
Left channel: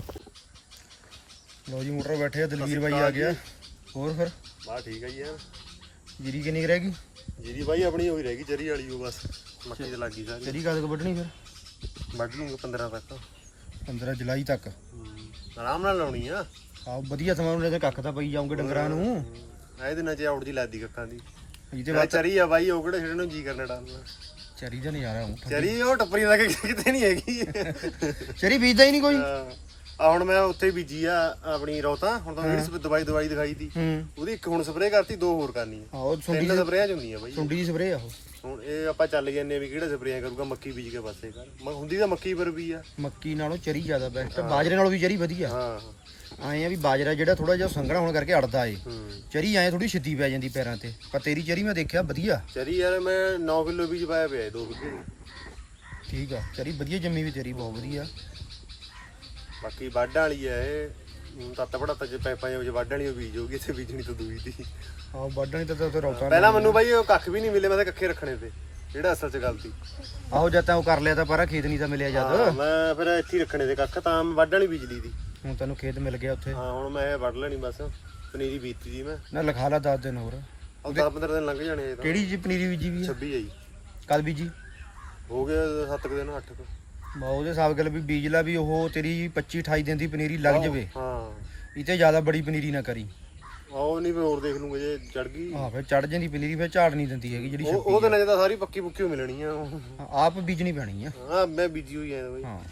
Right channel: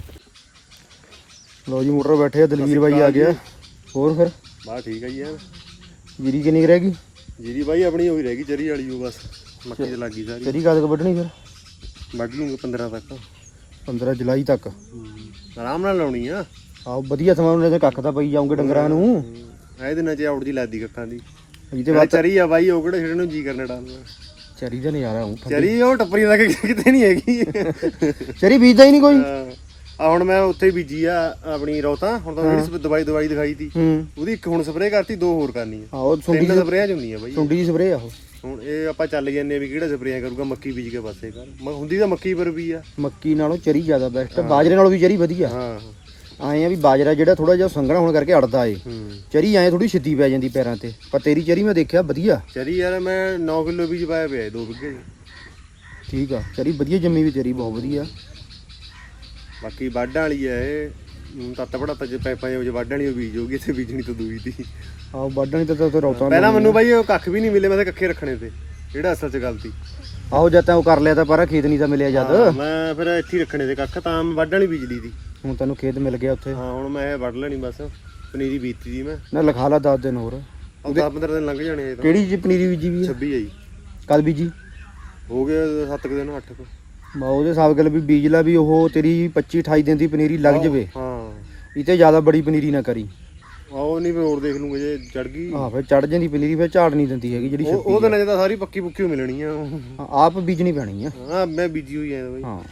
A: ਲੋ ਜੀ ਮੋਟਰ ਬੈਠੇ ਆ ਦਲਵੀਰ ਬਾਈ ਆ ਗਿਆ ਹੋਰ ਫਿਰ
F: ਬਾ ਠੀਕ ਹੈ ਜੀ ਯਾਰ
A: ਜੀਰੀ ਕਿੰਨੀ ਕੁ ਰਹਿ ਗਈ
F: ਜੀਰੀ ਬਾਈ ਆਪਣੀ ਹੋਈ ਰਹਿ ਗਈ ਚਰੀ ਵਾਲੀ ਉਹ ਬਸ ਮੱਕੀ ਚ ਲੱਗ ਗਈ ਸਾਰੀ
A: ਚਰੀ ਕਦ ਕੁ ਵੱਢਣੀ ਫਿਰ
F: ਵੱਢ ਲੂੰਗੇ ਪੰਦਰਾਂ ਤੱਕ
A: ਪੰਦਰਾਂ ਜੁਲਾਈ ਤੱਕ
F: ਆਰਾਮ ਨਾਲ ਲਾਉਣੀ ਆ
A: ਆਹ ਵਧੀਆ ਸਮਾਂ ਉਹਨੇ ਤੇ ਕੱਖ ਤਾਂ ਪਈ ਜਾਉਂਗੇ ਡੰਗਰਾਂ ਨੂੰ
F: ਇਹ ਦਿਨਾਂ ਚ ਆਉਟ ਦੀ ਲੱਗਦੀ ਕੱਖਾਂ ਦੀ
A: ਇਹ ਤੇ
F: ਤੇ
A: ਬਾਅਦ
F: ਚਰੀ ਆ ਬਾਈ ਉਹ ਕਿਹੜੇ ਛੇੜਨ ਨੂੰ ਜੀ ਕਰਨਾ ਡਾਲਣਾ
A: ਚਰੀ ਦਾ ਨਜ਼ਾਰਾ ਹੂੰ
F: ਚਰੀ ਉਹ ਟੱਪਰੀ ਲੱਗ ਕਿਤੇ ਨਹੀਂ ਹੈਗੀ
A: ਚਰੀ ਬੀਜਦਾ ਹੀ ਨਹੀਂ ਕੋਈ
F: ਆ ਹੁਣ ਮੈਂ ਉੱਥੇ ਬੀਜੀ ਆ ਆਪਣੀ ਰੌਤਾ ਹੁਣ ਤਾਂ ਜਿਹੜੀ ਦਵਾਈ ਦਵਾਈ ਦਿਖਾਈ ਤੀ
A: ਹੂੰ
F: ਉਹਦੀ ਇੱਕ ਹੁਣ ਸਪਰੇਅ ਕਰਤੀ ਦੋ ਹੋਰ ਕਰਨੀ ਆ
A: ਆਹੋ ਸੁੰਡੀ
F: ਤਿੰਨ ਸਪਰੇਆਂ ਚ ਹੁੰਦੀਆਂ ਬਾਈ
A: ਸੁੰਡੀ ਦੀ ਸਪਰੇਅ ਆ ਉਹ
F: ਹੁਣ ਇਹ ਆਪਾਂ ਚੱਲ ਜਾਂਦੇ ਆ ਵੀ ਕਿਹੜਾ ਸਪਰੇਆਂ ਕਰੂਗਾ ਮੱਕੀ ਬੀਜ ਕੇ ਪਾਸੇ ਕਰ ਮ- ਹੁੰਦੀ ਤਾਂ ਮੱਕੀ ਪਰ ਵੀ ਆ
A: ਮੱਕੀ ਨਾਲੋਂ ਚਰੀ ਜ਼ਿਆਦਾ ਬੈਸਟ ਬਾਜਰੇ ਨਾਲੋਂ ਵੀ ਚਰੀ ਵਧੀਆ
F: ਹਾਂ
A: ਆਏ ਆ ਵੀ ਬਾਜਰਾ ਜਿਹੜਾ ਥੋੜਾ ਜਿਹਾ ਸੰਘਣਾ ਹੋਣ ਕਰਕੇ ਅੜਦਾ ਏ
F: ਹੂੰ
A: ਚਰੀ ਐ ਥੋੜੀ ਛਿੱਤੀ ਪੈ ਜਾਂਦੀ ਪੈਰਾਂ ਤੇ ਪਰ ਤੇਰੀ ਚਰੀ ਮੈਂ ਦੇਖਿਆ ਵਧੀਆ
F: ਚਰੀ ਯਾਰ ਮੈਂ ਨੌ ਕਿਲੋ ਬੀਜ ਪਾਇਆ ਪਿਆ ਦੋ ਬਿੱਗੇ
A: ਠੀਕ ਆ ਚਰੀ ਵਧੀਆ ਜੰਮੀ ਵੀ ਤੇਰੀ ਬਹੁਤ ਵਧੀਆ
F: ਬਾਕੀ ਵਾਢਾਂ ਵਾਲੀ ਆ ਇਹ ਹੁਣ ਤੱਤ ਪੜਾਤਾ ਜੇ ਪੈਪਾਂ ਵਿੱਚ ਵਾਢਾਂ ਵਾਲੀ ਉਹ ਬੀਜ ਹੋਗੀ ਇੱਥੇ ਬੀਜਣੀ ਤਾਂ ਦੂਈ ਦੀ
A: ਆਹ ਵੱਢਣੀ ਤਾਂ ਉੱਥੇ ਰੌਤਾ
F: ਪਹਿਲਾਂ ਮੈਨੂੰ ਬਾਈ ਉਹ ਕੱਖ ਵੀ ਨਹੀਂ ਮਿਲੇ ਮੈਂ ਤਾਂ ਕੱਖੇ ਰੱਖਣੇ ਤੇ ਜਿਹੜਾ ਅਸਲ 'ਚ ਗਲਤੀ
A: ਆਹੋ ਜਦ ਤਾਂ ਉਹ ਕਰ ਲਿਆ ਤਾਂ ਪਰ ਖੇਤ ਨਹੀਂ ਤਾਂ ਮਿਲਿਆ
F: ਹਾਂ,
A: ਜਦ
F: ਮੈਂ ਫਿਰ ਇੱਥੇ ਹੀ ਰੱਖਣੇ ਤੇ ਕੱਖ ਤਾਂ ਮੈਂ ਵਾਢਾਂ ਵਾਲੀ ਬਿਜਲੀ ਦੀ
A: ਹੁਣ ਤੈਨੂੰ ਖੇਤ ਮਿਲ ਗਿਆ ਉੱਥੇ
F: ਹਾਂ ਹੁਣ ਮੈਂ ਇਹ ਵੱਢ ਲੈਣੀ ਬਸ ਪਨੀਰੀ ਬੀਤੀ ਦੀ ਮੈਂ
A: ਨਾ ਲਿਖਾ ਲਾ ਦਸ ਦਿਨ ਹੋਰ
F: ਉਹ ਦਸ ਪੰਦਰਾਂ ਦਿਨ ਲੰਘ ਜਾਣੇ ਇਹ ਤਾਂ
A: ਕਿਹੜੀ ਜੀ ਪਨੀਰੀ ਬੀਜੀ ਵੀ ਆ
F: ਛੱਬੀ ਆ ਜੀ
A: ਕਦ ਬੀਜੀ
F: ਹੋ ਗਏ ਸੱਤ ਕੁ ਦਿਨ ਅੱਠ ਕੁ
A: ਬਾ ਉਹਦੇ ਹਿਸਾਬ ਗੱਲ ਵੀ ਬੀਜ ਲਾ ਵੀ ਉਹ ਤੇਰੀ ਪੱਚੀ ਅਠਾਈ ਦਿਨ ਦੀ ਪਨੀਰੀ ਲੱਗ ਜਵੇ
F: ਹਾਂ
A: ਇਹ ਤੇ ਜ਼ਿਆਦਾ ਬੜੀ ਪਨੀਰੀ ਨਾ ਕਰੀ
F: ਉਹ ਨਹੀਂ ਮੈਂ ਹੋਰ ਦੇਖ ਲੂੰਗਾ ਜੇ ਚੜ ਗਈ
A: ਹਾਂ ਫਿਰ ਚੜ ਜਾਂਦੀ ਪਨੀਰੀ ਫਿਰ ਝਾੜ ਨਹੀਂ ਦਿੰਦੀ ਹੈਗੀ ਜਿਹੜੀ
F: ਉਹ ਉਹ ਦਿਨਾਂ 'ਚ ਤਾਂ ਸਾਰੀ ਪੱਕੀ ਪੁੱਕੀ ਓ ਮਿਲਣੀ ਆ
A: ਹਾਂ, ਆਪ ਬੀਜਣੀ ਪੈਣੀ ਆ
F: ਹਾਂ ਮੈਂ ਬੀਜੀ ਹੋਈ ਆ ਬਾਈ
A: ਹਾਂ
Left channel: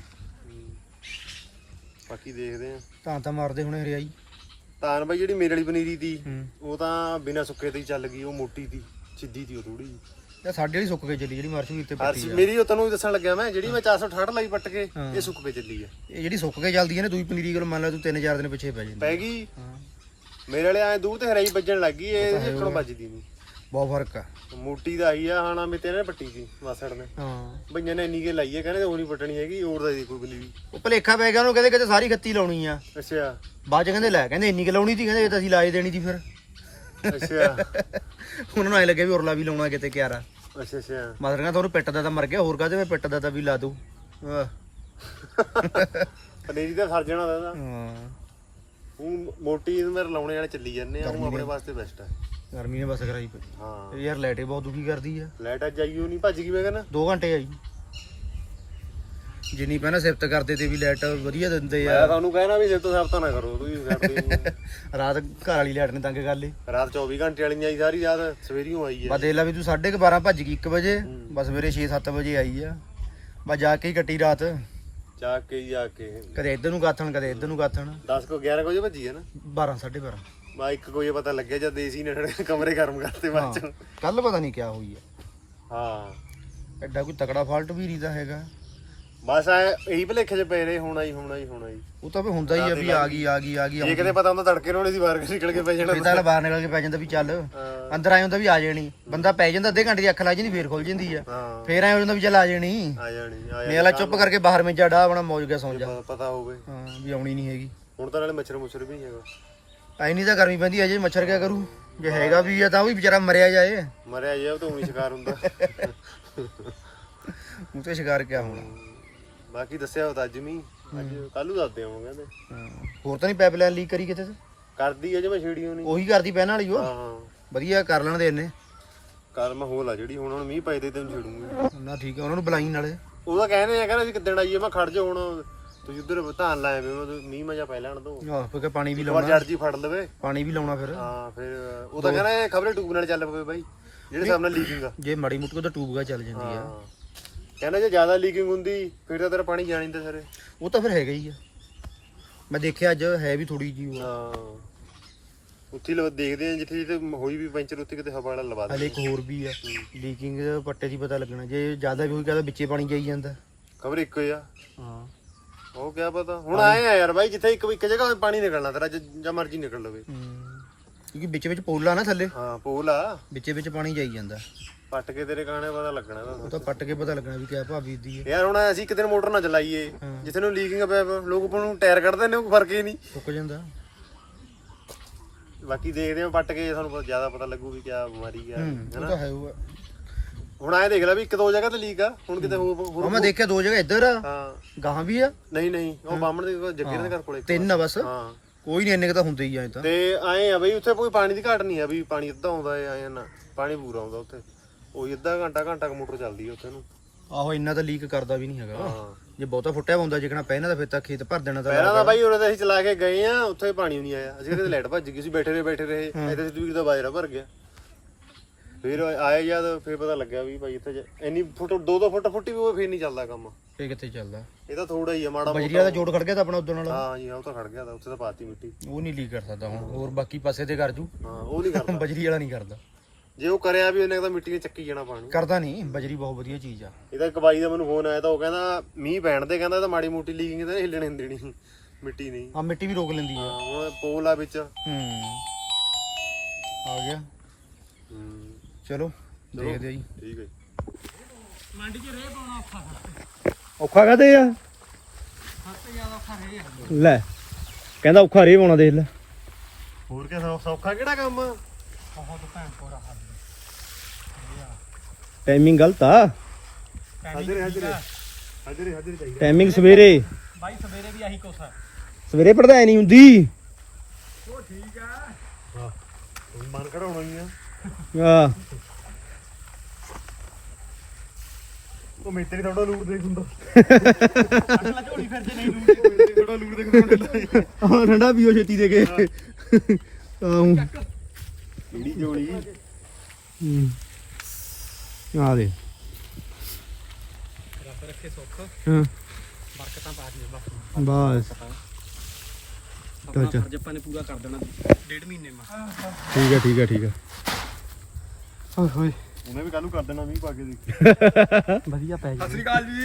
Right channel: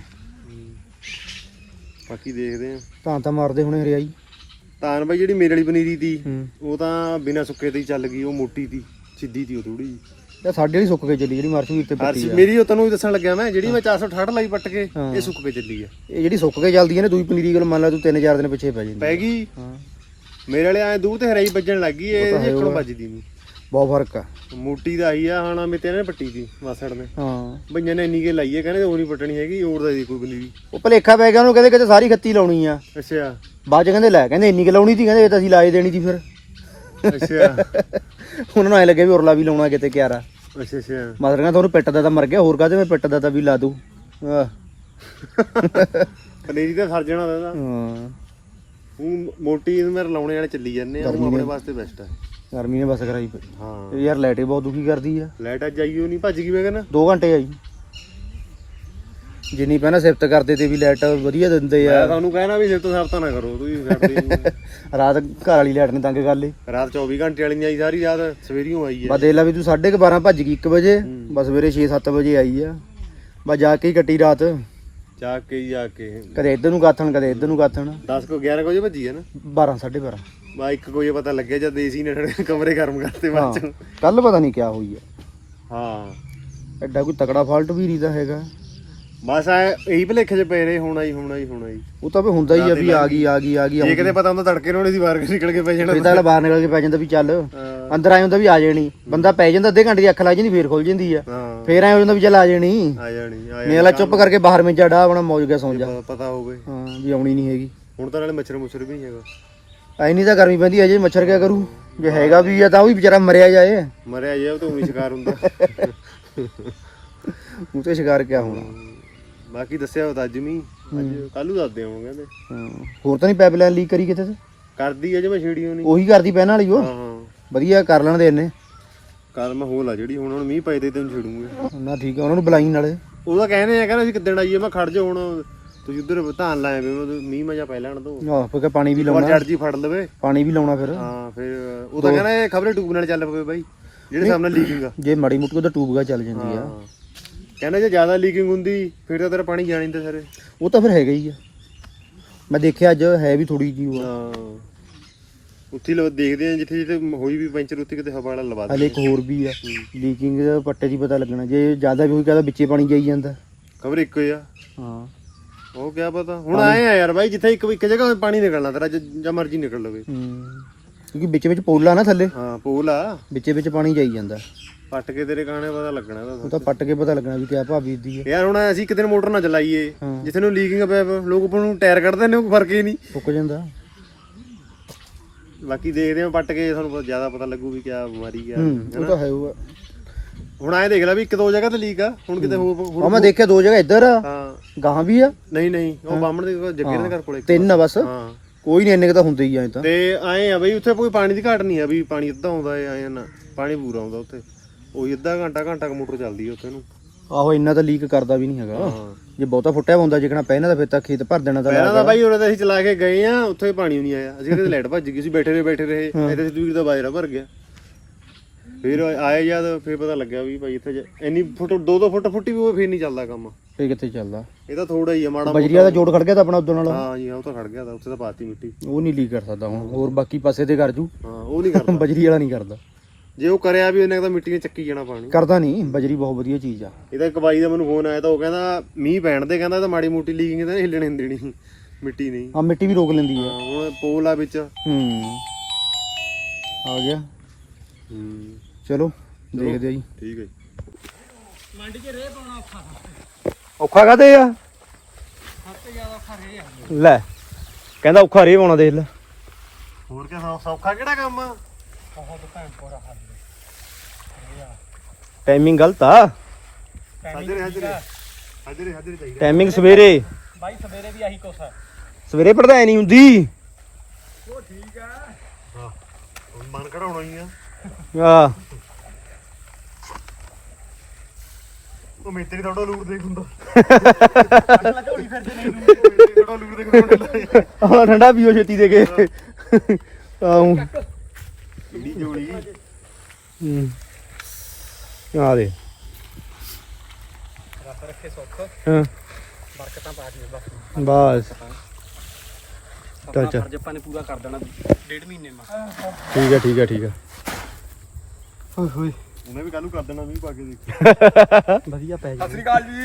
F: ਬਾਕੀ ਦੇਖਦੇ ਆ
A: ਤਾਂ ਤਾਂ ਮਾਰਦੇ ਹੁਣੇ ਹਰਿਆਈ
F: ਤਾਨ ਬਾਈ ਜਿਹੜੀ ਮੇਰੇ ਵਾਲੀ ਪਨੀਰੀ ਤੀ
A: ਹੂੰ
F: ਉਹ ਤਾਂ ਬਿਨਾਂ ਸੁੱਕੇ ਤੇ ਹੀ ਚੱਲ ਗਈ ਉਹ ਮੋਟੀ ਤੀ ਸਿੱਧੀ ਤੀ ਉਹ ਥੋੜੀ
A: ਇਹ ਸਾਡੇ ਵਾਲੀ ਸੁੱਕ ਕੇ ਚੱਲੀ ਜਿਹੜੀ ਮਾਰਸ਼ਵੀਰ ਤੇ ਪੱਟੀ
F: ਹਰਸ਼
A: ਆ
F: ਮੇਰੀ ਉਹ ਤੈਨੂੰ ਵੀ ਦੱਸਣ ਲੱਗਿਆ ਮੈਂ ਜਿਹੜੀ ਮੈਂ ਚਾਰ ਸੌ ਅਠਾਹਠ ਲਾਈ ਪੱਟ ਕੇ
A: ਹਾਂ।
F: ਇਹ ਸੁੱਕ ਕੇ ਚੱਲੀ ਆ
A: ਇਹ ਜਿਹੜੀ ਸੁੱਕ ਕੇ ਚੱਲਦੀ ਹੈ ਨਾ ਦੂਈ ਪਨੀਰੀ ਕੋਲ ਮੰਨ ਲਾ ਤੂੰ ਤਿੰਨ ਚਾਰ ਦਿਨ ਪਿੱਛੇ ਪੈ ਜਾਂਦੀ
F: ਪੈ ਗਈ
A: ਹਾਂ
F: ਮੇਰੇ ਵਾਲੇ ਐ ਦੂਰ ਤੇ ਹਰਾਈ ਵੱਜਣ ਲੱਗ ਗਈ
A: ਉਹ
F: ਇਹ
A: ਤਾਂ ਹੈ
F: ਇੱਕੜੋਂ
A: ਉਹ।
F: ਵੱਜਦੀ ਨਹੀਂ
A: ਬਹੁਤ ਫਰਕ ਆ
F: ਮੋਟੀ ਦਾ ਆਈ ਆ ਹਣਾ ਮੇ ਤੇਰੇ ਨੇ ਪੱਟੀ ਦੀ ਮਾਸੜ ਨੇ
A: ਹਾਂ
F: ਭਈਆਂ ਨੇ ਇੰਨੀ ਕੇ ਲਾਈ ਹੈ ਕਹਿੰਦੇ ਉਹ ਨਹੀਂ ਪੱਟਣੀ ਹੈਗੀ ਹੋਰ ਦਾ ਦੀ ਕੋਈ ਬੰਦੀ
A: ਉਹ ਭਲੇਖਾ ਪੈ ਗਿਆ ਉਹਨੂੰ ਕਹਿੰਦੇ ਕਿਤੇ ਸਾਰੀ ਖੱਤੀ ਲਾਉਣੀ ਆ
F: ਅੱਛਾ
A: ਬਾਅਦ ਚ ਕਹਿੰਦੇ ਲੈ ਕਹਿੰਦੇ ਇੰਨੀ ਕਿ ਲਾਉਣੀ ਸੀ ਕਹਿੰਦੇ ਇਹ ਤਾਂ ਅਸੀਂ ਲਾਏ ਦੇਣੀ ਸੀ ਫਿਰ
F: ਅੱਛਾ
A: ਉਹਨਾਂ ਨੂੰ ਐ ਲੱਗਿਆ ਵੀ ਉਰਲਾ ਵੀ ਲਾਉਣਾ ਕਿਤੇ ਕਿਆਰਾ
F: ਅੱਛਾ ਅੱਛਾ
A: ਮਤਲਬ ਕਹਿੰਦਾ ਤੁਹਾਨੂੰ ਪਿੱਟ ਦਾ ਤਾਂ ਮਰ ਗਿਆ ਹੋਰ ਕਾਹਦੇ ਮੈਂ ਪਿੱਟ ਦਾ ਤਾਂ ਵੀ ਲਾ ਦੂੰ ਆਹ
F: ਪਨੀਰੀ ਦਾ ਸਰ ਜਾਣਾ ਇਹਦਾ
A: ਹਾਂ
F: ਹੁਣ ਮੋਟੀ ਨੂੰ ਮੇਰੇ ਲਾਉਣੇ ਵਾਲੇ ਚੱਲੀ ਜਾਂਦੇ ਆ ਉਹ ਆਪਣੇ ਵਾਸਤੇ ਬੈਸਟ ਆ
A: ਗਰਮੀ ਨੇ ਬਸ ਕਰਾਈ ਪਈ
F: ਹਾਂ
A: ਇਹ ਯਾਰ ਲਾਈਟ ਹੀ ਬਹੁਤ ਦੁਖੀ ਕਰਦੀ ਆ
F: ਲਾਈਟ ਅੱਜ ਆਈ ਉਹ ਨਹੀਂ ਭੱਜ ਗਈ ਮੈਂ ਕਹਿੰਦਾ
A: ਦੋ ਘੰਟੇ ਆਈ ਜਿੰਨੀ ਪਹਿਲਾਂ ਸਿਫਤ ਕਰਦੇ ਤੇ ਵੀ ਲਾਈਟ ਵਧੀਆ ਦਿੰਦੇ
F: ਮੈਂ
A: ਆ
F: ਤੁਹਾਨੂੰ ਕਹਿਣਾ ਵੀ ਸਿਰ ਤੋਂ ਸਿਫਤਾਂ ਨਾ ਕਰੋ ਤੁਸੀਂ ਕਰਦੇ
A: ਰਾਤ ਘਰ ਵਾਲੀ ਲਾਈਟ ਨੇ ਤੰਗ ਕਰ ਲਈ
F: ਰਾਤ ਚੌਵੀ ਘੰਟੇ ਵਾਲੀ ਨਹੀਂ ਆਈ ਸਾਰੀ ਰਾਤ ਸਵੇਰੀਓ ਆਈ
A: ਬਸ
F: ਹੈ
A: ਦੇਖ ਲਾ ਵੀ ਤੂੰ ਸਾਢੇ ਕੁ ਬਾਰਾਂ ਭੱਜ ਗਈ ਇੱਕ ਵਜੇ ਬਸ ਸਵੇਰੇ ਛੇ ਸੱਤ ਵਜੇ ਆਈ ਆ ਬਸ ਜਾ ਕੇ ਹੀ ਕੱਟੀ ਰਾਤ
F: ਜਾ ਕੇ ਹੀ ਜਾ ਕੇ
A: ਕਦੇ ਇੱਧਰ ਨੂੰ ਗਾਥਣ ਕਦੇ ਇੱਧਰ ਨੂੰ ਗਾਥਣ
F: ਦਸ ਕੋ ਗਿਆਰਾਂ ਵਜੇ ਭੱਜੀ ਹੈ ਨਾ
A: ਬਾਰਾਂ ਸਾਢੇ ਬਾਰਾਂ
F: ਬਾ ਇੱਕ ਕੋਈ ਪਤਾ ਲੱਗਿਆ ਜਦ ਏਸੀ ਨੇ ਕਮਰੇ ਗਰਮ ਕਰਤੇ ਬਾਅਦ ਚ
A: ਕੱਲ ਪਤਾ ਨਹੀਂ ਕਿਆ ਹੋਈ ਆ
F: ਹਾਂ
A: ਐਡਾ ਕੋਈ ਤਕੜਾ ਫਾਲਟ ਵੀ ਨਹੀਂ ਦਾ ਹੈਗਾ
F: ਬਸ ਆ ਇਹੀ ਭਲੇਖੇ ਚ ਪਏ ਰਹੇ ਹੋਣਾ ਹੀ ਹੋਣਾ ਹੀ ਹੋਣਾ ਹੀ
A: ਉਹ ਤਾਂ ਵੀ ਹੁੰਦਾ ਹੀ ਆ ਵੀ ਆ ਗਈ ਆ ਗਈ ਆ ਗਈ
F: ਜੇ ਕਿਤੇ ਪਤਾ ਹੁੰਦਾ ਤੜਕੇ ਨੂੰ ਸੀ ਬਾਹਰ ਨਿਕਲ ਕੇ ਪੈ ਜਾਣਾ
A: ਫਿਰ ਤਾਂ ਬਾਹਰ ਨਿਕਲ ਕੇ ਪੈ ਜਾਂਦਾ ਵੀ ਚੱਲ ਅੰਦਰ ਆਏ ਹੁੰਦਾ ਵੀ ਆ ਜਾਣੀ ਬੰਦਾ ਪੈ ਜਾਂਦਾ ਅੱਧੇ ਘੰਟੇ ਦੀ ਅੱਖ ਲੱਗ ਜਾਂਦੀ ਫੇਰ ਖੁੱਲ ਜਾਂਦੀ ਆ
F: ਹਾਂ
A: ਫੇਰ ਆਏ ਹੋ ਜਾਂਦਾ ਵੀ ਚੱਲ ਆ ਜਾਣੀ
F: ਆ ਜਾਣੀ ਆ
A: ਮੇਲਾ ਚੁੱਪ ਕਰਕੇ ਬਾਹਰ ਮੇਂ ਡਾ ਆਪਣਾ ਮੌਜ ਕੇ ਸੌਂ ਜਾ
F: ਜਾਣੀ ਪਤਾ ਹੋਵੇ
A: ਹਾਂ ਵੀ ਆਉਣੀ ਨਹੀਂ ਹੈਗੀ
F: ਹੁਣ ਤਾਂ ਨਾਲੇ ਮੱਛਰ ਮੁੱਛਰ ਵੀ ਨਹੀਂ ਹੈਗਾ
A: ਐ ਨਹੀਂ ਤਾਂ ਗਰਮੀ ਪੈਂਦੀ ਅਜੇ ਮੱਛਰ ਕਿਆ ਕਰੂ ਜੇ ਹੈਗਾ ਵੀ ਆ ਤਾਂ ਉਹ ਵੀ ਵਿਚਾਰਾ ਮਰਿਆ ਜਾਏ
F: ਮਰਿਆ ਜੇ ਉਹ ਤਾਂ ਉਹੀ ਸ਼ਿਕਾਰ ਹੁੰਦਾ
A: ਉਹ ਤੇ ਸ਼ਿਕਾਰ ਕਿਆ ਹੋਣਾ
F: ਬਾਕੀ ਦੱਸਿਆ ਉਹ ਤਾਂ ਅੱਜ ਨਹੀਂ ਅੱਜ ਕੱਲੂ ਦੱਸਦੇ ਹਾਂ ਕਹਿੰਦੇ
A: ਹਾਂ ਹੋਰ ਤਾਂ ਨਹੀਂ ਪਾਈਪਲਾਈਨ ਲੀਕ ਕਰੀ ਕਿਤੇ ਤੇ
F: ਕਰਦੀ ਹੈ ਜੇ ਮੈਂ ਛੇੜੀ ਨਹੀਂ
A: ਉਹੀ ਕਰਦੀ ਪਹਿਲਾਂ ਵਾਲੀ ਉਹ
F: ਹਾਂ ਹਾਂ
A: ਵਧੀਆ ਕਰ ਲੈਣ ਦੇ ਇਹਨੇ
F: ਕਦਮ ਹੋਲ ਆ ਜਿਹੜੀ ਹੁਣ ਹੁਣ ਮੀਂਹ ਪਏ ਤੇ ਤੈਨੂੰ ਛੇੜੂਗੇ
A: ਨਾ ਠੀਕ ਆ ਉਹਨਾਂ ਨੂੰ ਬੁਲਾਈ ਨਾਲੇ
F: ਉਹਦਾ ਕਹਿੰਦੇ ਆ ਕਹਿੰਦਾ ਅਸੀਂ ਕਿੱਦਣ ਆਈਏ ਮੈਂ ਖੜ ਜਾ ਹੁਣ ਤੁਸੀਂ ਉਧਰ ਧਾਨ ਲਾਏ ਵੇ ਮੀਂਹ ਮਜਾ ਪੈ ਲੈਣ ਦੋ
A: ਆਹ ਫਿਰ ਪਾਣੀ ਵੀ
F: ਵਾਰ
A: ਲਾਉਣਾ
F: ਜੜ ਜੀ ਫੜ ਲਵੇ
A: ਪਾਣੀ ਵੀ ਲਾਉਣਾ ਫਿਰ
F: ਹਾਂ ਫਿਰ ਉਹ ਤਾਂ ਕਹਿੰਦਾ ਇਹ ਖਬਰੇ ਟੂਬ ਨਾਲ ਚੱਲ ਪਵੇ ਬਾਈ ਜਿਹੜੇ ਸਾਹਮਣੇ ਲੀਕਿੰਗ ਆ
A: ਜੇ ਮਾੜੀ ਮੁੱਟੀ ਉਹਦਾ ਟੂਬਗਾ ਚੱਲ ਜਾਂਦੀ ਆ
F: ਹਾਂ ਕਹਿੰਦਾ ਜੇ ਜ਼ਿਆਦਾ ਲੀਕਿੰਗ ਹੁੰਦੀ ਫਿਰ ਤਾਂ ਤੇਰਾ ਪਾਣੀ ਜਾਣ ਨਹੀਂ ਦਿੰਦਾ ਸਾਰੇ
A: ਉਹ ਤਾਂ ਫਿਰ ਹੈਗਾ ਹੀ ਆ ਮੈਂ ਦੇਖਿਆ ਅੱਜ ਹੈ ਵੀ ਥੋੜੀ ਜੀ ਉਹ
F: ਹਾਂ ਉੱਥੇ ਲੋ ਦੇਖਦੇ ਆ ਜਿੱਥੇ ਜਿੱਥੇ ਹੋਈ ਵੀ ਪੈਂਚਰ ਉੱਥੇ ਕਿਤੇ ਹਵਾ ਵਾਲਾ ਲਵਾ
A: ਹਲੇ ਇੱਕ ਹੋਰ ਵੀ ਆ ਲੀਕਿੰਗ ਪੱਟੇ 'ਚ ਹੀ ਪਤਾ ਲੱਗਣਾ ਜੇ ਜ਼ਿਆਦਾ ਵੀ ਹੋਈ ਕਹਦਾ ਵਿੱਚੇ ਪਾਣੀ ਜਾਈ ਜਾਂਦਾ
F: ਖਬਰ ਇੱਕੋ ਹੀ ਆ
A: ਹਾਂ
F: ਉਹ ਕਿਆ ਪਤਾ ਹੁਣ ਆਏ ਆ ਯਾਰ ਬਾਈ ਜਿੱਥੇ ਇੱਕ ਇੱਕ ਜਗ੍ਹਾ ਪਾਣੀ ਨਿਕਲਣਾ ਤੇਰਾ ਜਾਂ ਮਰਜ਼ੀ ਨਿਕਲ ਲਵੇ
A: ਕਿਉਂਕਿ ਵਿੱਚ ਵਿੱਚ ਪੋਲਾ ਨਾ ਥੱਲੇ
F: ਹਾਂ ਪੋਲ ਆ
A: ਵਿੱਚੇ ਵਿੱਚ ਪਾਣੀ ਜਾਈ ਜਾਂਦਾ
F: ਪੱਟ ਕੇ ਤੇਰੇ ਗਾਣੇ ਪਤਾ ਲੱਗਣਾ
A: ਉਹ
F: ਇਹਦਾ
A: ਤਾਂ ਪੱਟ ਕੇ ਪਤਾ ਲੱਗਣਾ ਵੀ ਕਿਆ ਭਾਬੀ ਦੀ ਹੈ
F: ਯਾਰ ਹੁਣ ਅਸੀਂ ਇੱਕ ਦਿਨ ਮੋਟਰ ਨਾ ਚਲਾਈਏ
A: ਹਾਂ।
F: ਜਿੱਥੇ ਨੂੰ ਲੀਕਿੰਗ ਪਿਆ ਪਿਆ, ਲੋਕ ਆਪਾਂ ਨੂੰ ਟਾਇਰ ਕੱਢਦੇ ਨੇ ਕੋਈ ਫਰਕ ਹੀ ਨਹੀਂ
A: ਫੁੱਕ ਜਾਂਦਾ
F: ਬਾਕੀ ਦੇਖਦੇ ਆ ਪੱਟ ਕੇ ਸਾਨੂੰ ਜ਼ਿਆਦਾ ਪਤਾ ਲੱਗੂ ਵੀ ਕਿਆ ਬਿਮਾਰੀ ਆ
A: ਹੂੰ ਉਹ ਤਾਂ ਹੈ ਉਹ
F: ਹੁਣ ਐਂ ਦੇਖ ਲੈ ਵੀ ਇੱਕ ਦੋ ਜਗ੍ਹਾ ਤੇ ਲੀਕ ਆ ਹੁਣ ਕਿਤੇ ਹੋਰ
A: ਉਹ
F: ਹੋਰ-
A: ਮੈਂ ਦੇਖਿਆ ਦੋ ਜਗ੍ਹਾ ਇੱਧਰ ਆ
F: ਹਾਂ
A: ਗਾਹਾਂ ਵੀ ਆ
F: ਨਹੀਂ ਨਹੀਂ ਉਹ ਬਾਹਮਣ ਦੇ ਕੋਲ, ਜੱਗੇ ਦੇ ਘਰ ਕੋਲੇ
A: ਤਿੰਨ ਆ ਬਸ
F: ਹਾਂ
A: ਕੋਈ ਨਹੀਂ ਇੰਨੇ ਕ ਤਾਂ ਹੁੰਦੇ ਹੀ ਆ ਤਾਂ
F: ਤੇ ਐਂ ਆ ਬਈ ਉੱਥੇ ਕੋਈ ਪਾਣੀ ਦੀ ਘਾਟ ਨਹੀਂ ਆ ਵੀ ਪਾਣੀ ਅੱਧਾ ਆਉਂਦਾ ਐ ਐਂ ਨਾ ਪਾਣੀ ਪੂਰਾ ਆਉਂਦਾ ਉੱਥੇ ਉਹੀ ਅੱਧਾ ਘੰਟਾ ਘੰਟਾ ਕ ਮੋਟਰ ਚੱਲਦੀ ਆ ਉੱਥੇ ਨੂੰ
A: ਆਹੋ ਇੰਨਾ ਤਾਂ ਲੀਕ ਕਰਦਾ ਵੀ ਨਹੀਂ ਹੈਗਾ
F: ਹਾਂ
A: ਜੇ ਬਹੁਤਾ ਫੁੱਟਿਆ ਹੁੰਦਾ ਜਿਕਣਾ ਪਹਿਲਾਂ ਤਾਂ ਫਿਰ ਤਾਂ ਖੇਤ ਭਰ ਦੇਣਾ ਤਾਂ
F: ਪਹਿਲਾਂ ਤਾਂ ਬਾਈ ਉਹਨਾਂ ਦੇ ਅਸੀਂ ਚਲਾ ਕੇ ਗਏ ਆ ਉੱਥੇ ਪਾਣੀ ਨਹੀਂ ਆਇਆ ਅਸੀਂ ਕਿਤੇ ਲਾਈਟ ਭੱਜ ਗਈ ਸੀ ਬੈਠੇ ਰਹੇ ਬੈਠੇ ਰਹੇ ਇੱਥੇ ਦੂਰ ਦਾ ਬਾਜਰਾ ਭਰ ਗਿਆ ਫਿਰ ਆਇਆ ਜਦ ਫਿਰ ਪਤਾ ਲੱਗਿਆ ਵੀ ਭਾਈ ਇੱਥੇ ਇੰਨੀ ਫੁੱਟ ਦੋ ਦੋ ਫੁੱਟ ਫੁੱਟੀ ਵੀ ਉਹ ਫਿਰ ਨਹੀਂ ਚੱਲਦਾ ਕੰਮ
A: ਇਹ ਕਿੱਥੇ ਚੱਲਦਾ
F: ਇਹ ਤਾਂ ਥੋੜਾ ਹੀ ਆ ਮਾੜਾ
A: ਬਜਰੀਆ ਦਾ ਜੋੜ ਖੜ ਗਿਆ ਤਾਂ ਆਪਣਾ ਉਦੋਂ ਨਾਲ
F: ਹਾਂ ਜੀ ਉਹ ਤਾਂ ਖੜ ਗਿਆ ਤਾਂ ਉੱਥੇ ਤਾਂ ਪਾਤੀ ਮਿੱਟੀ
A: ਉਹ ਨਹੀਂ ਲੀਕ ਕਰ ਸਕਦਾ ਹੁਣ ਹੋਰ ਬਾਕੀ ਪਾਸੇ ਤੇ ਕਰ ਜੂ
F: ਹਾਂ ਉਹ ਨਹੀਂ ਕਰਦਾ
A: ਬਜਰੀ ਵਾਲਾ ਨਹੀਂ ਕਰਦਾ
F: ਜੇ ਉਹ ਕਰਿਆ ਵੀ ਉਹਨੇ ਤਾਂ ਮਿੱਟੀ ਨੇ ਚੱਕੀ ਜਾਣਾ ਪਾਣੀ
A: ਕਰਦਾ ਨਹੀਂ ਬਜਰੀ ਬਹੁਤ ਵਧੀਆ ਚੀਜ਼ ਆ
F: ਇਹਦਾ ਇੱਕ ਬਾਈ ਦਾ ਮੈਨੂੰ ਫੋਨ ਆਇਆ ਤਾਂ ਉਹ ਕਹਿੰਦਾ ਮੀਂਹ ਪੈਣ ਦੇ ਕਹਿੰਦਾ ਇਹ ਤਾਂ ਮਾੜੀ ਮੋਟੀ ਲੀਕਿੰਗ ਤਾਂ ਨਹੀਂ ਹਿੱਲਣੇ ਨਹੀਂ ਦੇਣੀ ਮਿੱਟੀ ਨਹੀਂ
A: ਆ ਮਿੱਟੀ ਵੀ ਰੋਕ ਲੈਂਦੀ ਆ
F: ਹਾਂ ਹੁਣ ਪੋਲ ਆ ਵਿੱਚ
A: ਹੂੰ ਆ ਗਿਆ
F: ਹੂੰ
A: ਚਲੋ ਦੇਖਦੇ ਆ ਜੀ
F: ਠੀਕ ਹੈ
D: ਮੰਡੀ 'ਚ ਰੇਹ ਪਾਉਣਾ ਔਖਾ
A: ਔਖਾ ਕਾਤੇ ਆ
D: ਸਭ ਤੋਂ ਜ਼ਿਆਦਾ ਔਖਾ ਰੇਹ ਆ
A: ਲੈ ਕਹਿੰਦਾ ਔਖਾ ਰੇ ਪਾਉਣਾ ਦੇਖ ਲੈ
F: ਹੋਰ ਕਿਆ ਸੌਖਾ ਕਿਹੜਾ ਕੰਮ
D: ਬਹੁਤ ਭੈਣ ਕੋਰਾ ਹਾਲ
A: ਟਾਈਮਿੰਗ ਗਲਤ ਆ
D: ਟਾਈਮਿੰਗ ਠੀਕ ਆ
A: ਟਾਈਮਿੰਗ ਸਵੇਰੇ
D: ਬਾਈ ਸਵੇਰੇ ਵੀ ਆਹੀ ਕੁਛ ਆ
A: ਸਵੇਰੇ ਪੜਦਾ ਨਹੀਂ ਹੁੰਦੀ
D: ਉਹ ਠੀਕ ਆ
F: ਮਨ ਕਢਾਉਣਾ ਹੀ ਆ
A: ਆ
F: ਉਹ ਮਿੱਟੀ ਥੋੜਾ ਲੂਰ ਦੇਖ ਹੁੰਦਾ
D: ਅਸਲਾ ਝੋਲੀ ਫਿਰਦੇ ਨਹੀਂ
F: ਥੋੜਾ ਲੂਰ ਦੇਖ ਹੁੰਦਾ
A: ਹੁਣ ਠੰਡਾ ਪੀਓ ਛੇਤੀ ਦੇ ਕੇ ਆਉਂ
F: ਕਿਹੜੀ ਜੋੜੀ
A: ਹੂੰ ਆ ਦੇ
D: ਰੱਬ ਰੱਖੇ ਸੁੱਖ
A: ਹਾਂ
D: ਬਰਕਤਾਂ ਪਾ ਦੇ ਬਸ
A: ਬਸ
D: ਆਪਣਾ
A: ਚੱਲ।
D: ਫਰਜ਼ ਆਪਾਂ ਨੇ ਪੂਰਾ ਕਰ ਦੇਣਾ ਡੇਢ ਮਹੀਨੇ ਮਾ
A: ਠੀਕ ਹੈ ਠੀਕ ਹੈ ਠੀਕ ਹੈ
D: ਓਏ ਹੋਏ
F: ਉਹਨੇ ਵੀ ਕੱਲ ਨੂੰ ਕਰ ਦੇਣਾ ਮੀਂਹ ਪਾ ਕੇ ਦੇਖ
E: ਵਧੀਆ ਪੈ
C: ਸਤਿ ਸ੍ਰੀ ਅਕਾਲ ਜੀ।